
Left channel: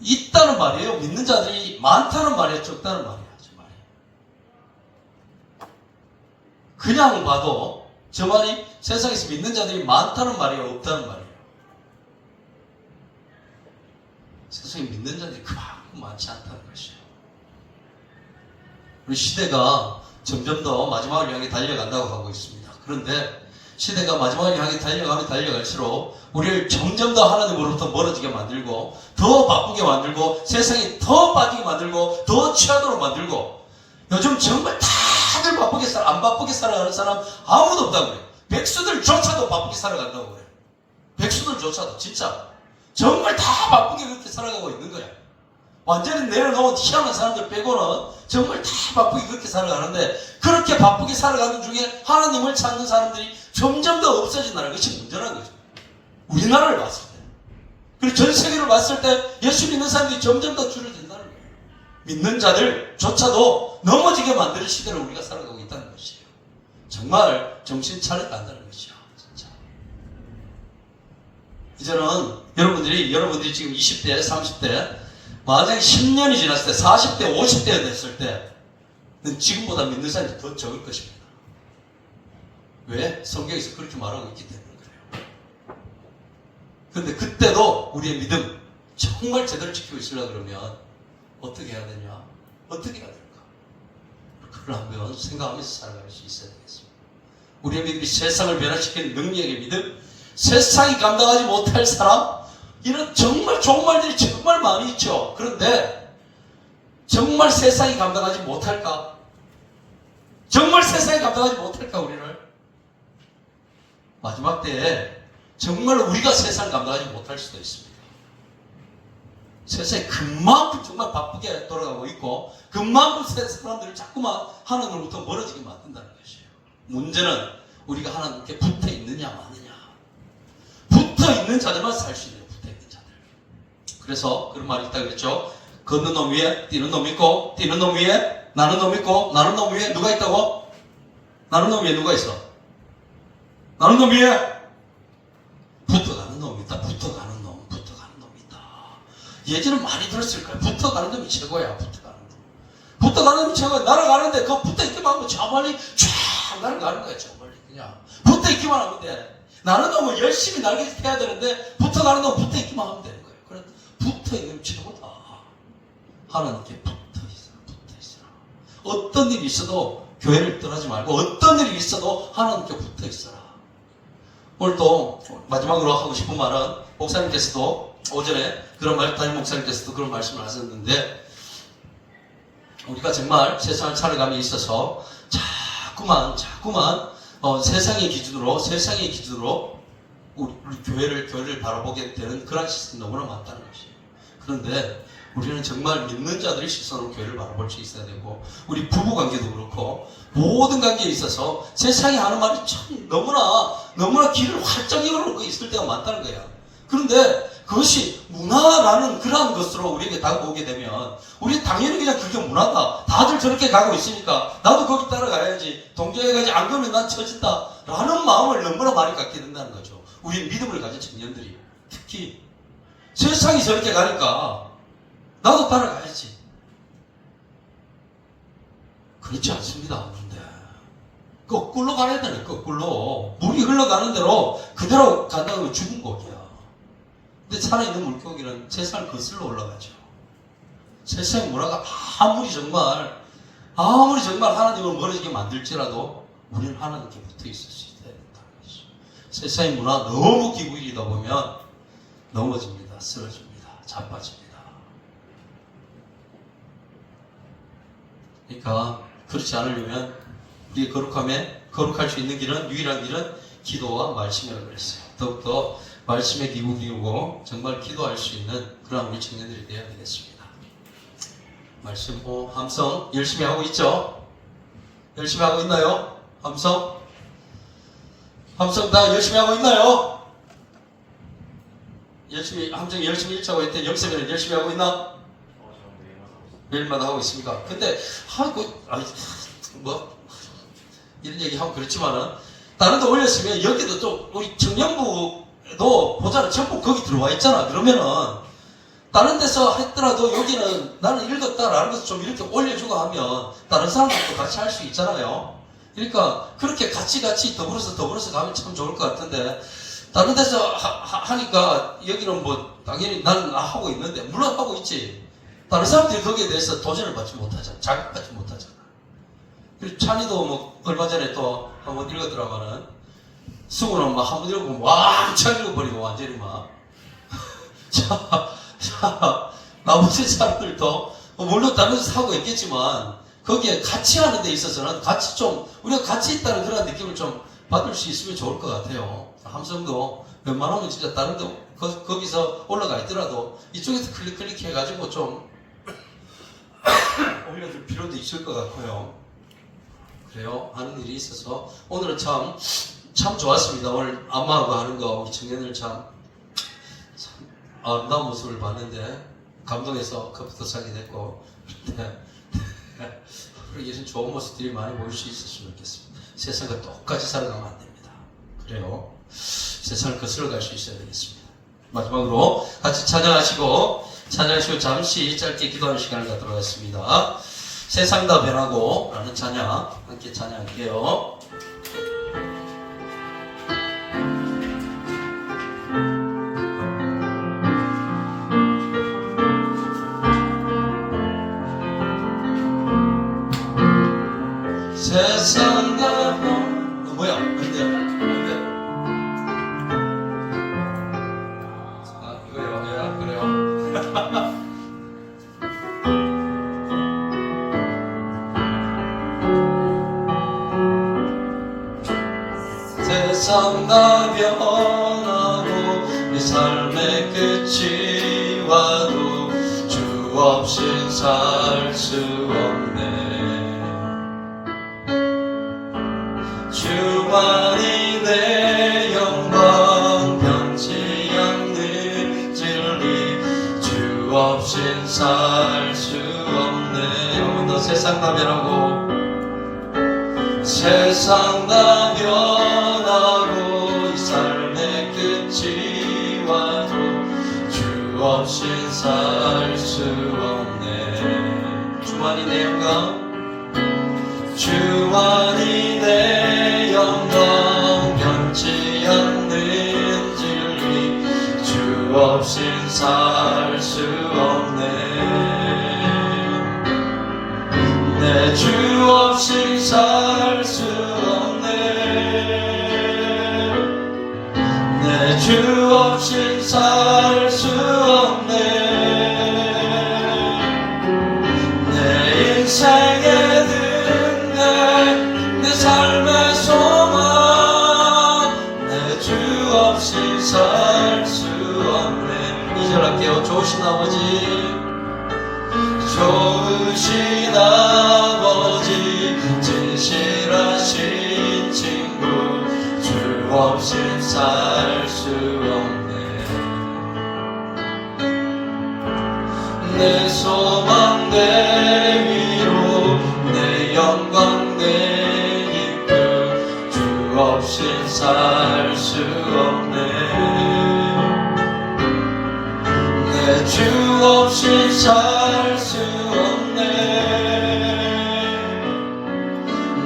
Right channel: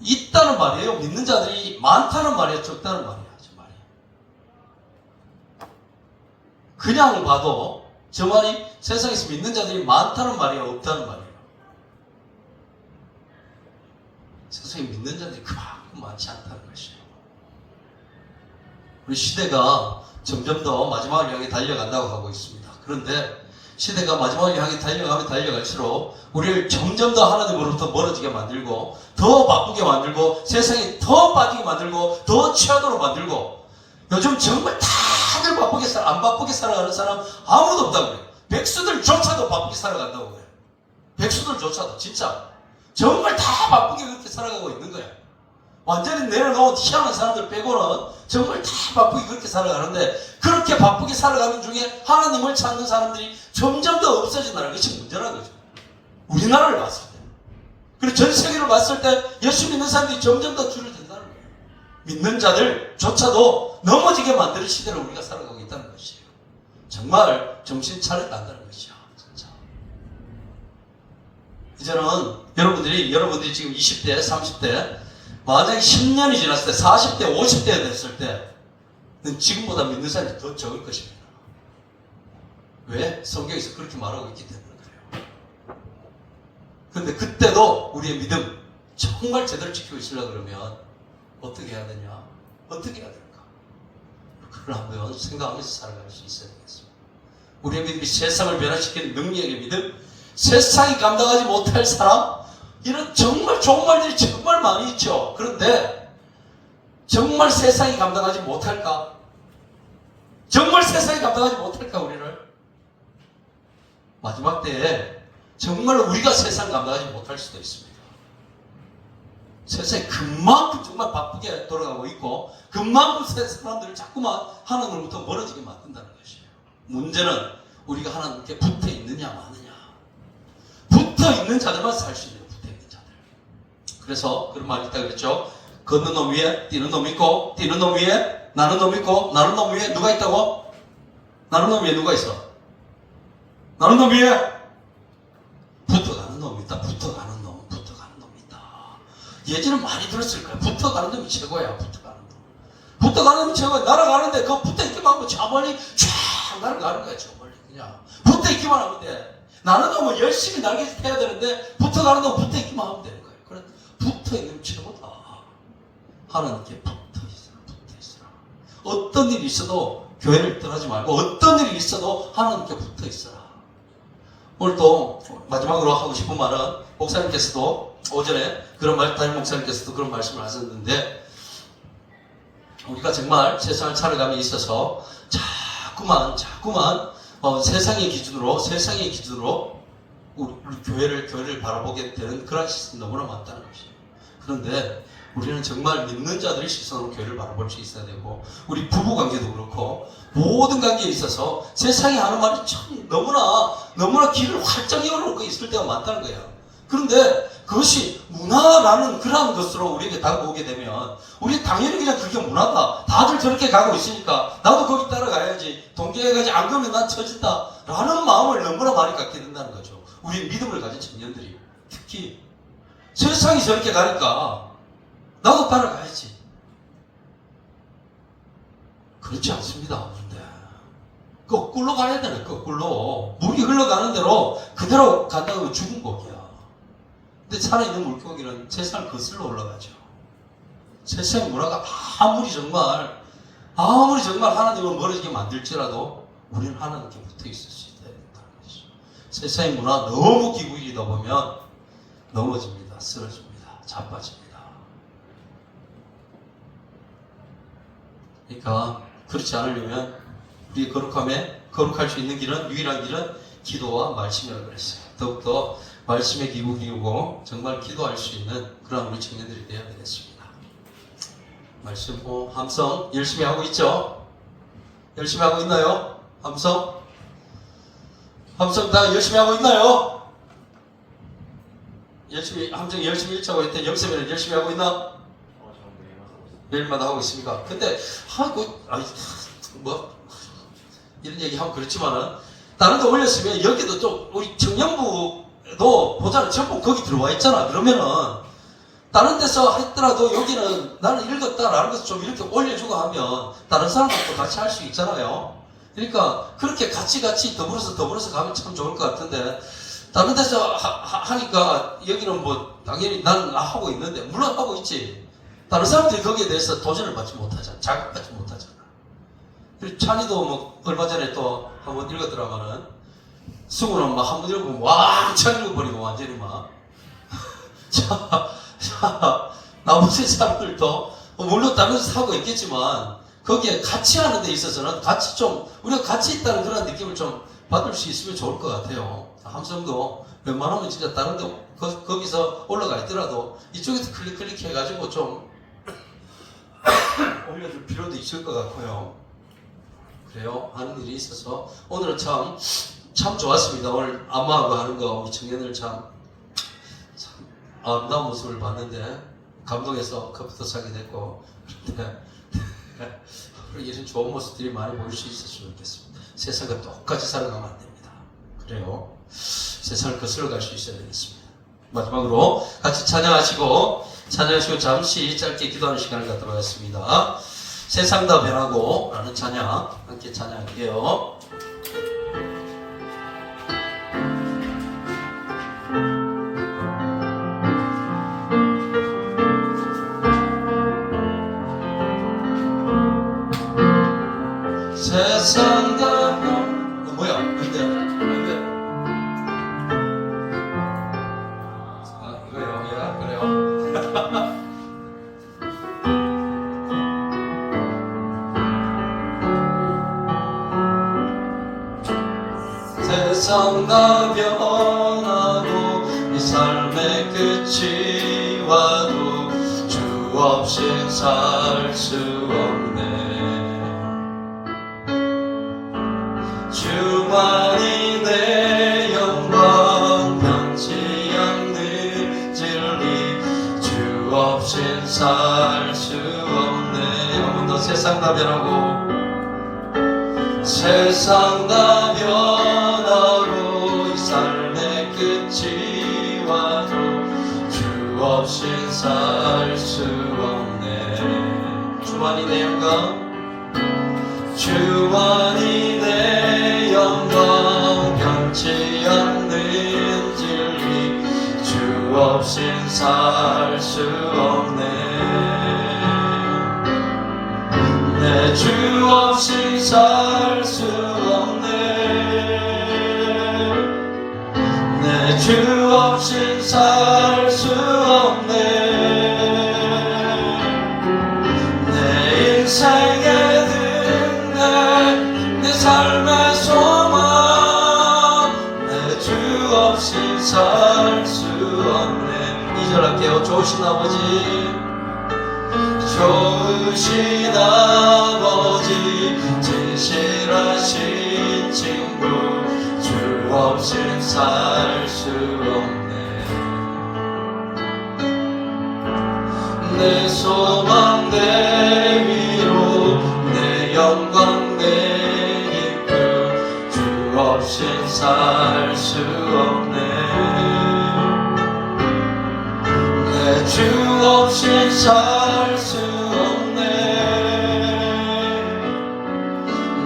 있다는 말이에요. 믿는 자들이 많다는 말이에요. 적다는 말이에요. 그냥 봐도 저 말이 세상에서 믿는 자들이 많다는 말이에요, 없다는 말이에요. 세상에 믿는 자들이 그만큼 많지 않다는 것이에요. 우리 시대가 점점 더 마지막을 향해 달려간다고 하고 있습니다. 그런데 시대가 마지막을 향해 달려가면 달려갈수록 우리를 점점 더 하나님으로부터 멀어지게 만들고, 더 바쁘게 만들고, 세상에 더 빠지게 만들고, 더 취하도록 만들고, 요즘 정말 다들 안 바쁘게 살아가는 사람 아무도 없다고 그래요. 백수들조차도 바쁘게 살아간다고 그래요. 백수들조차도 진짜 정말 다 바쁘게 그렇게 살아가고 있는 거야. 완전히 내려놓은 희한한 사람들 빼고는 정말 다 바쁘게 그렇게 살아가는데, 그렇게 바쁘게 살아가는 중에 하나님을 찾는 사람들이 점점 더 없어진다는 것이 문제라는 거죠. 우리나라를 봤을 때. 그리고 전 세계를 봤을 때 예수 믿는 사람들이 점점 더 줄어든다는 거예요. 믿는 자들조차도 넘어지게 만드는 시대를 우리가 살아가고 있다는 것이에요. 정말 정신 차려야 한다는 것이죠. 진짜. 이제는 여러분들이 지금 20대, 30대, 만약에 10년이 지났을 때, 40대, 50대가 됐을 때, 지금보다 믿는 사람이 더 적을 것입니다. 왜? 성경에서 그렇게 말하고 있기 때문에 그래요. 그런데 그때도 우리의 믿음 정말 제대로 지키고 있으려고 그러면 어떻게 해야 되냐? 어떻게 해야 될까? 그걸 한번 생각하면서 살아갈 수 있어야 되겠습니다. 우리의 믿음이 세상을 변화시키는 능력의 믿음, 세상이 감당하지 못할 사람, 이런 정말 좋은 말들이 정말 많이 있죠. 그런데 정말 세상이 감당하지 못할까? 정말 세상이 감당하지 못할까, 우리를? 마지막 때에 정말 우리가 세상 감당하지 못할 수도 있습니다. 세상이 그만큼 정말 바쁘게 돌아가고 있고, 그만큼 사람들이 자꾸만 하나님으로부터 멀어지게 만든다는 것이에요. 문제는 우리가 하나님께 붙어 있느냐 마느냐. 붙어 있는 자들만 살 수 있는, 붙어 있는 자들. 그래서 그런 말이 있다 그랬죠. 걷는 놈 위에 뛰는 놈 있고, 뛰는 놈 위에 나는 놈 있고, 나는 놈 위에 누가 있다고? 나는 놈 위에 누가 있어? 나는 놈 위에 붙어가는 놈이 있다. 붙어가는 놈 있다. 예전에 많이 들었을 거야. 붙어가는 놈이 최고야. 붙어가는 놈. 붙어가는 척은 날아가는데 그 붙어있기만 하면 저 멀리 쫙 날아가는 거야. 저 멀리 그냥 붙어있기만 하면 돼. 나는 뭐 열심히 날개짓 해야 되는데 붙어가는 거 붙어있기만 하면 되는 거예요. 그래 붙어있는 최고다. 하나님께 붙어있어라. 어떤 일이 있어도 교회를 떠나지 말고 어떤 일이 있어도 하나님께 붙어있어라. 오늘 또 마지막으로 하고 싶은 말은 목사님께서도 오전에 담임 목사님께서도 그런 말씀을 하셨는데 우리가 정말 세상을 살아감에 있어서 자꾸만 세상의 기준으로 우리 교회를 바라보게 되는 그런 시선이 너무나 많다는 것이에요. 그런데 우리는 정말 믿는 자들의 시선으로 교회를 바라볼 수 있어야 되고 우리 부부관계도 그렇고 모든 관계에 있어서 세상이 하는 말이 참 너무나 길을 활짝 열어놓은 거 있을 때가 많다는 거야. 그런데 그것이 문화라는 그러한 것으로 우리에게 다가오게 되면 우리 당연히 그냥 그게 문화다. 다들 저렇게 가고 있으니까 나도 거기 따라가야지. 동조해가지고 안 그러면 난 처진다. 라는 마음을 너무나 많이 갖게 된다는 거죠. 우리 믿음을 가진 청년들이. 특히 세상이 저렇게 가니까 나도 따라가야지. 그렇지 않습니다. 근데 거꾸로 가야 되네. 거꾸로 물이 흘러가는 대로 그대로 간다고 죽은 거기야. 근데 살아있는 물고기는 세상을 거슬러 올라가죠. 세상 문화가 아무리 정말 하나님을 멀어지게 만들지라도 우리는 하나님께 붙어 있을 수 있어야 된다는 거죠. 세상의 문화 너무 기울이다 보면 넘어집니다. 쓰러집니다. 자빠집니다. 그러니까 그렇지 않으려면 우리의 거룩할 수 있는 길은 유일한 길은 기도와 말씀이라고 그랬어요. 더욱더 말씀에 기울이고 정말 기도할 수 있는 그런 우리 청년들이 되어야 되겠습니다. 말씀 함성 열심히 하고 있죠? 열심히 하고 있나요? 함성 다 열심히 하고 있나요? 함성 열심히 읽자고 했더니 영세민은 열심히 하고 있나? 저 매일마다 하고 있습니까? 근데 이런 얘기하면 그렇지만은 다른 데 올렸으면 여기도 좀 우리 청년부도 보자는 전부 거기 들어와 있잖아. 그러면은 다른 데서 했더라도 여기는 나는 읽었다라는 것을 좀 이렇게 올려주고 하면 다른 사람들도 같이 할 수 있잖아요. 그러니까 그렇게 같이 더불어서 가면 참 좋을 것 같은데 다른 데서 하니까 여기는 뭐 당연히 나는 하고 있는데 물론 하고 있지. 다른 사람들이 거기에 대해서 도전을 받지 못하잖아. 자극받지 못하잖아. 그리고 찬이도 뭐 얼마 전에 또 한번 읽었더라마는 승우는 막 한번 읽으면 왕창 읽어버리고 완전히 막 나머지 사람들도 물론 다른 데서 하고 있겠지만 거기에 같이 하는 데 있어서는 우리가 같이 있다는 그런 느낌을 좀 받을 수 있으면 좋을 것 같아요. 함성도 웬만하면 진짜 다른 데 거기서 올라가 있더라도 이쪽에서 클릭 해가지고 좀 올려줄 필요도 있을 것 같고요. 그래요. 하는 일이 있어서 오늘은 참 좋았습니다. 오늘 안마하고 하는 거 우리 청년들 참 아름다운 모습을 봤는데 감동해서 컵부터 사게 됐고 그리고 예전 좋은 모습들이 많이 보일 수 있었으면 좋겠습니다. 세상과 똑같이 살아가면 안 됩니다. 그래요. 세상을 거슬러 갈 수 있어야 되겠습니다. 마지막으로 같이 찬양하시고 잠시 짧게 기도하는 시간을 갖도록 하겠습니다. 세상 다 변하고 라는 찬양 함께 찬양할게요. 세상 다 변하고 뭐야? 뭔데요? 세상 다 변하고 내 삶의 끝이 와도 주 없인 살 수 없네. 주만이 내 영광 변치 않는 진리 주 없인 살 수 없네. 오늘도 세상 다 변하고 세상 다 변하고 이 삶의 끝이 와도 주 없인 살 수 없네. 주만 주만이 내 영광 주만이 내 영광 변치 않는 진리 주 없인 살 수 없네 내 주 없인 살 수 없네 내 주 없인 살 수 없네 내 인생의 든내 내 삶의 소망 내 주 없이 살 수 없네 2절 할게요 좋으신 아버지 좋으신 아버지 진실하신 친구 주 없인 살 수 없네 내 소망 내 위로 내 영광 내 기쁨 주 없인 살 수 없네 내 주 없인 살 수 없네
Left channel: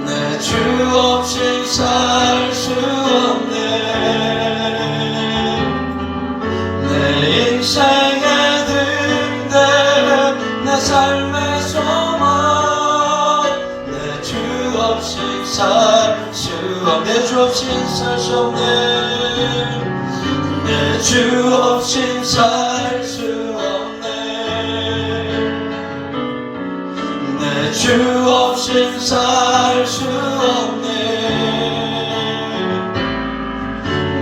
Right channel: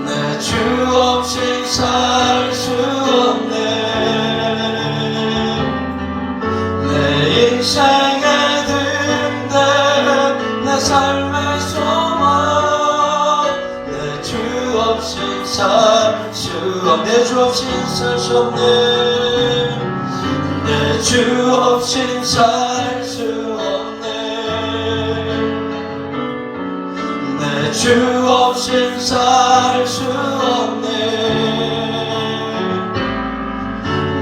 내 주 없인 살 수 없네 내 인생의 든든 내 삶의 소망 내 주 없인 살 수 없네 내 주 없인 살 수 없네 내 주 없인 살 수 없네 내 주 없인 살 수 없네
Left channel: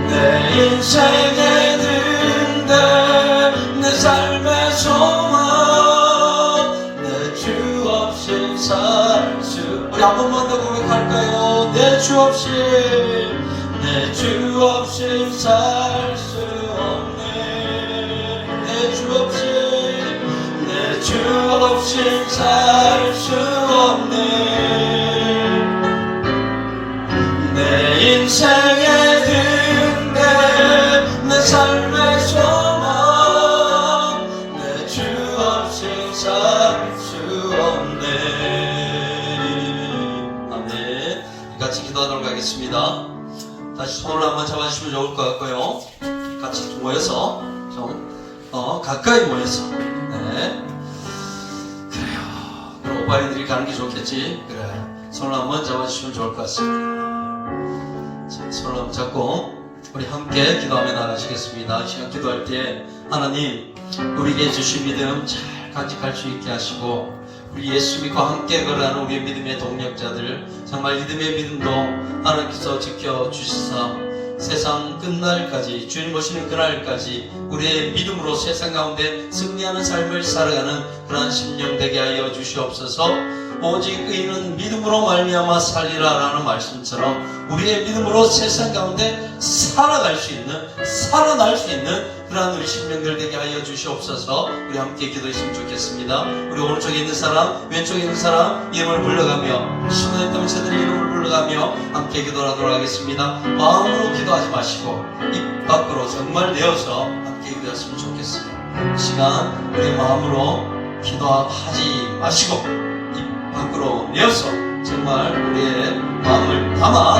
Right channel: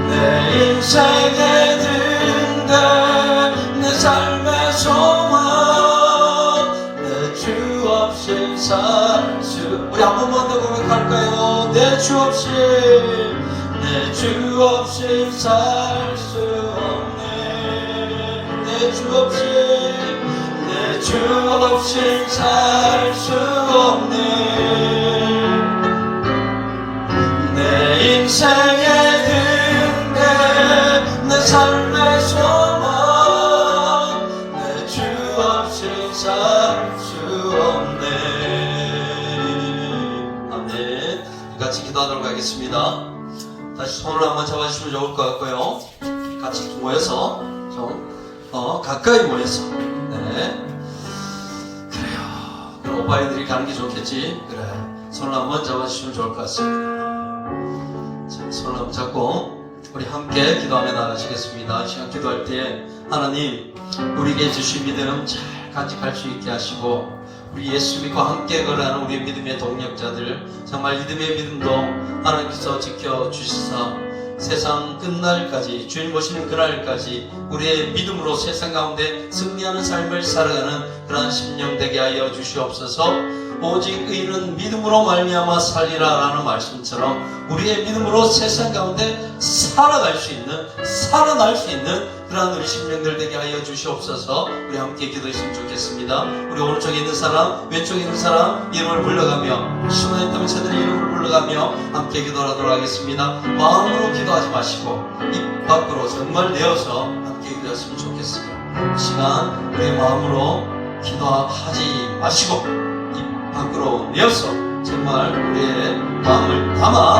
내 인생의 든든 내 삶의 소망 내 주 없인 살 수 우리 한 번만 더 고백할까요 내 주 없인 내 주 없인 살 수 없네 내 주 없인 내 주 없인 살 수 없네 내 인생의 든든 내 삶의 소망 내 주 없인 살 수 없네 아멘 같이 기도하도록 하겠습니다 다시 손을 한번 잡아주시면 좋을 것 같고요 같이 모여서 좀 가까이 모여서 네 그래요 그럼 오빠애들이 가는 게 좋겠지 그래 손을 한번 잡아주시면 좋을 것 같습니다 자, 손을 한번 잡고 우리 함께 기도하며 나가시겠습니다 시간 기도할 때 하나님 우리에게 주신 믿음 잘 간직할 수 있게 하시고 우리 예수 믿고 함께 걸어가는 우리의 믿음의 동력자들 정말 믿음의 믿음도 하나님께서 지켜주시사 세상 끝날까지 주님 오시는 그날까지 우리의 믿음으로 세상 가운데 승리하는 삶을 살아가는 그러한 심령 되게 하여 주시옵소서 오직 의인은 믿음으로 말미암아 살리라라는 말씀처럼 우리의 믿음으로 세상 가운데 살아갈 수 있는 살아날 수 있는 그러한 우리 심령들 되게 하여 주시옵소서 우리 함께 기도했으면 좋겠습니다 우리 오른쪽에 있는 사람 왼쪽에 있는 사람 이름을 불러가며 숨어있는 있던 저들의 이름을 불러가며 함께 기도하도록 하겠습니다 마음으로 기도하지 마시고 입 밖으로 정말 내어서 함께 기도했으면 좋겠습니다 이 시간 우리 마음으로 기도하지 마시고 밖으로 내어서 정말 우리의 마음을 담아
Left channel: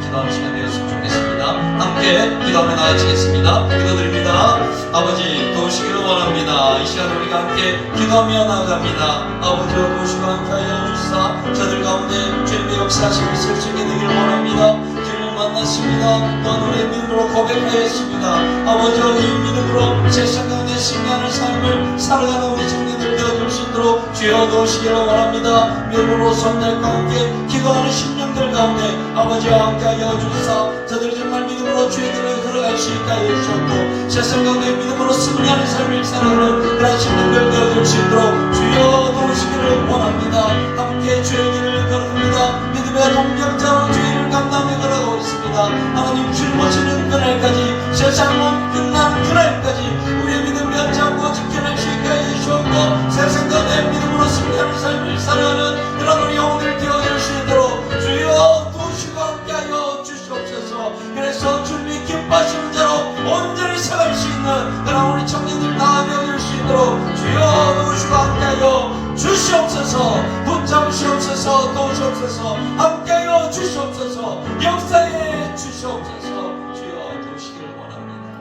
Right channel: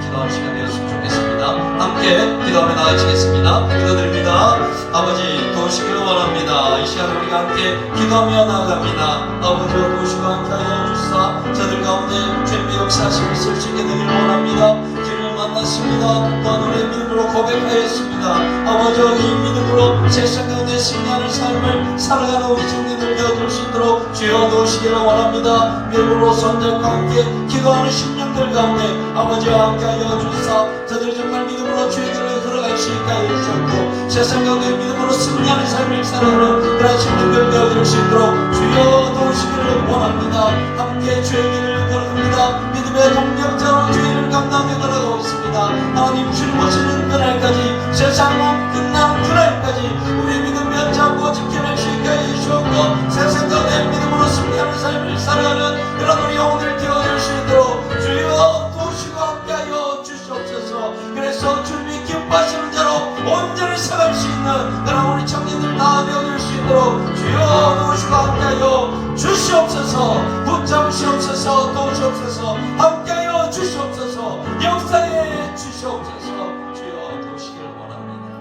기도하는 시간 되었으면 좋겠습니다. 함께 기도하며 나아지겠습니다. 기도드립니다. 아버지 도우시기를 원합니다. 이 시간 우리가 함께 기도하며 나아갑니다. 아버지로 도우시고 함께하여 주시사 저들 가운데 주님의 역사하시고 있을 수 있게 되기를 원합니다. 주님을 만났습니다. 또한 우리의 믿음으로 고백하였습니다. 아버지와 이 믿음으로 세상 가운데 승리하는 삶을 살아가는 우리 청년들 되어줄 수 있도록 주여 도우시기를 원합니다. 믿음으로 선들과 함께 기도하는 심령들 가운데 아버지와 함께하여 주시사 저들 정말 믿음으로 주의 길을 걸어갈 수 있게 하여 주셨고 세상 가운데 믿음으로 승리하는 삶을 살아가는 그런 심령들 되어줄 수 있도록 주여 도우시기를 원합니다. 함께 주의 길을 걸어갑니다. 믿음의 동력자로 주의 길을 감당해 걸어가고 있습니다. 하나님 주님 오시는 그날까지 세상은 끝난 그날까지 우리의 믿음 연장고 지켜낼 수 있게 하여 주셨고 세상 가운데 믿음으로 승리하는 삶을 살아가는 그런 우리 영혼을 되어줄 수 있도록 주여 도우시고 함께하여 주시옵소서. 그래서 주님이 기뻐하시는 대로 온전히 살아갈 수 있는 그런 우리 청년들 다 되어줄 수 있도록 주여 도우시고 함께하여 주시옵소서. 주시옵소서. 붙잡으시옵소서. 도우시옵소서. 함께하여 주시옵소서. 역사에 주시옵소서. 주여 도시기를 원합니다.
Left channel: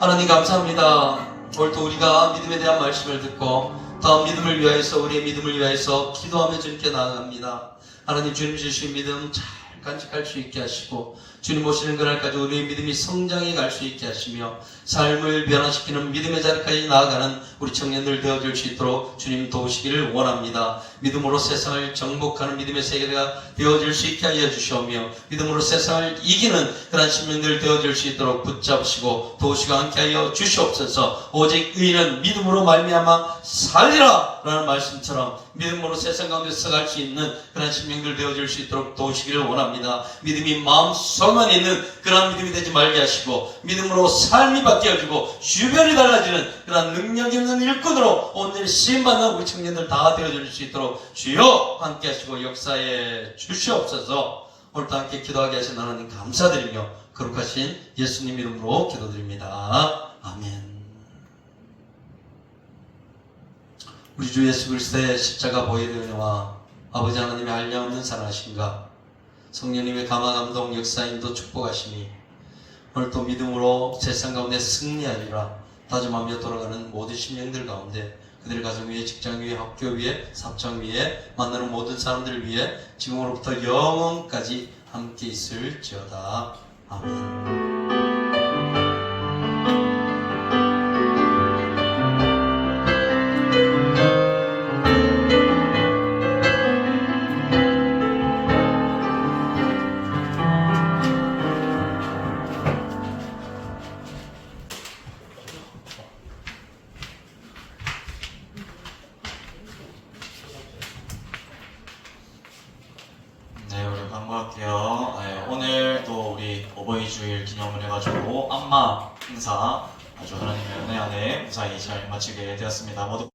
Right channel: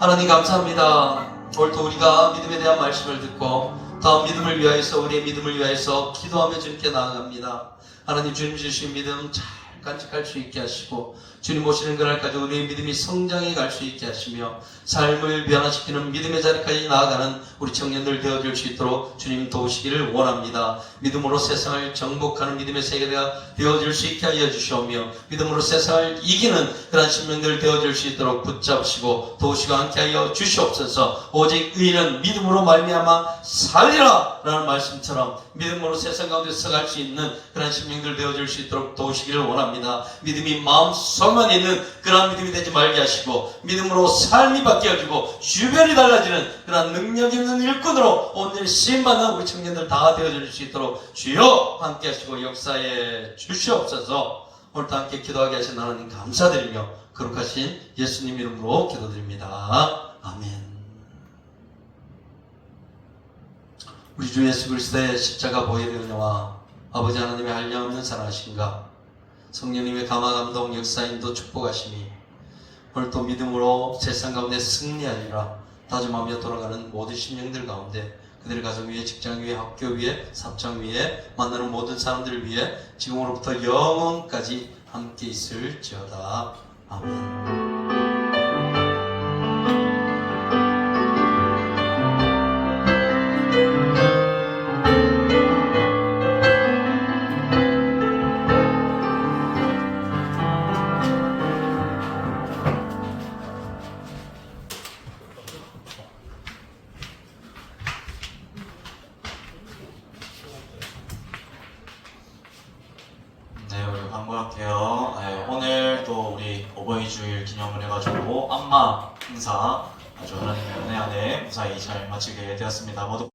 하나님 감사합니다. 오늘도 우리가 믿음에 대한 말씀을 듣고 다음 믿음을 위하여서 우리의 믿음을 위하여서 기도하며 주님께 나아갑니다. 하나님 주님 주신 믿음 잘 간직할 수 있게 하시고 주님 오시는 그날까지 우리의 믿음이 성장해 갈 수 있게 하시며 삶을 변화시키는 믿음의 자리까지 나아가는 우리 청년들 되어줄 수 있도록 주님 도우시기를 원합니다. 믿음으로 세상을 정복하는 믿음의 세계가 되어줄 수 있게 하여 주시오며 믿음으로 세상을 이기는 그런 신명들 되어줄 수 있도록 붙잡으시고 도우시고 함께하여 주시옵소서. 오직 의인은 믿음으로 말미암아 살리라 라는 말씀처럼 믿음으로 세상 가운데 서갈 수 있는 그런 신명들 되어줄 수 있도록 도우시기를 원합니다. 믿음이 마음속만 있는 그런 믿음이 되지 말게 하시고 믿음으로 삶이 바뀌어지고 주변이 달라지는 그런 능력 있는 일꾼으로 오늘 쓰임받는 우리 청년들 다 되어줄 수 있도록 주여 함께 하시고 역사에 주시옵소서. 오늘도 함께 기도하게 하신 하나님 감사드리며 거룩하신 예수님 이름으로 기도드립니다. 아멘. 우리 주 예수 그리스도의 십자가 보혈의 은혜와 아버지 하나님의 한량없는 사랑하심과 성령님의 감화 감동 역사인도 축복하시니 오늘 또 믿음으로 세상 가운데 승리하리라 다짐하며 돌아가는 모든 심령들 가운데 그들의 가정 위에 직장 위에 학교 위에 사업장 위에 만나는 모든 사람들 위해 지금으로부터 영원까지 함께 있을지어다. 아멘. 네, 우리 광고할게요. 네, 오늘 또 우리 어버이 주일 기념을 해가지고 안마 행사 아주 하나님의 은혜 안에 무사히 잘 마치게 되었습니다. 모두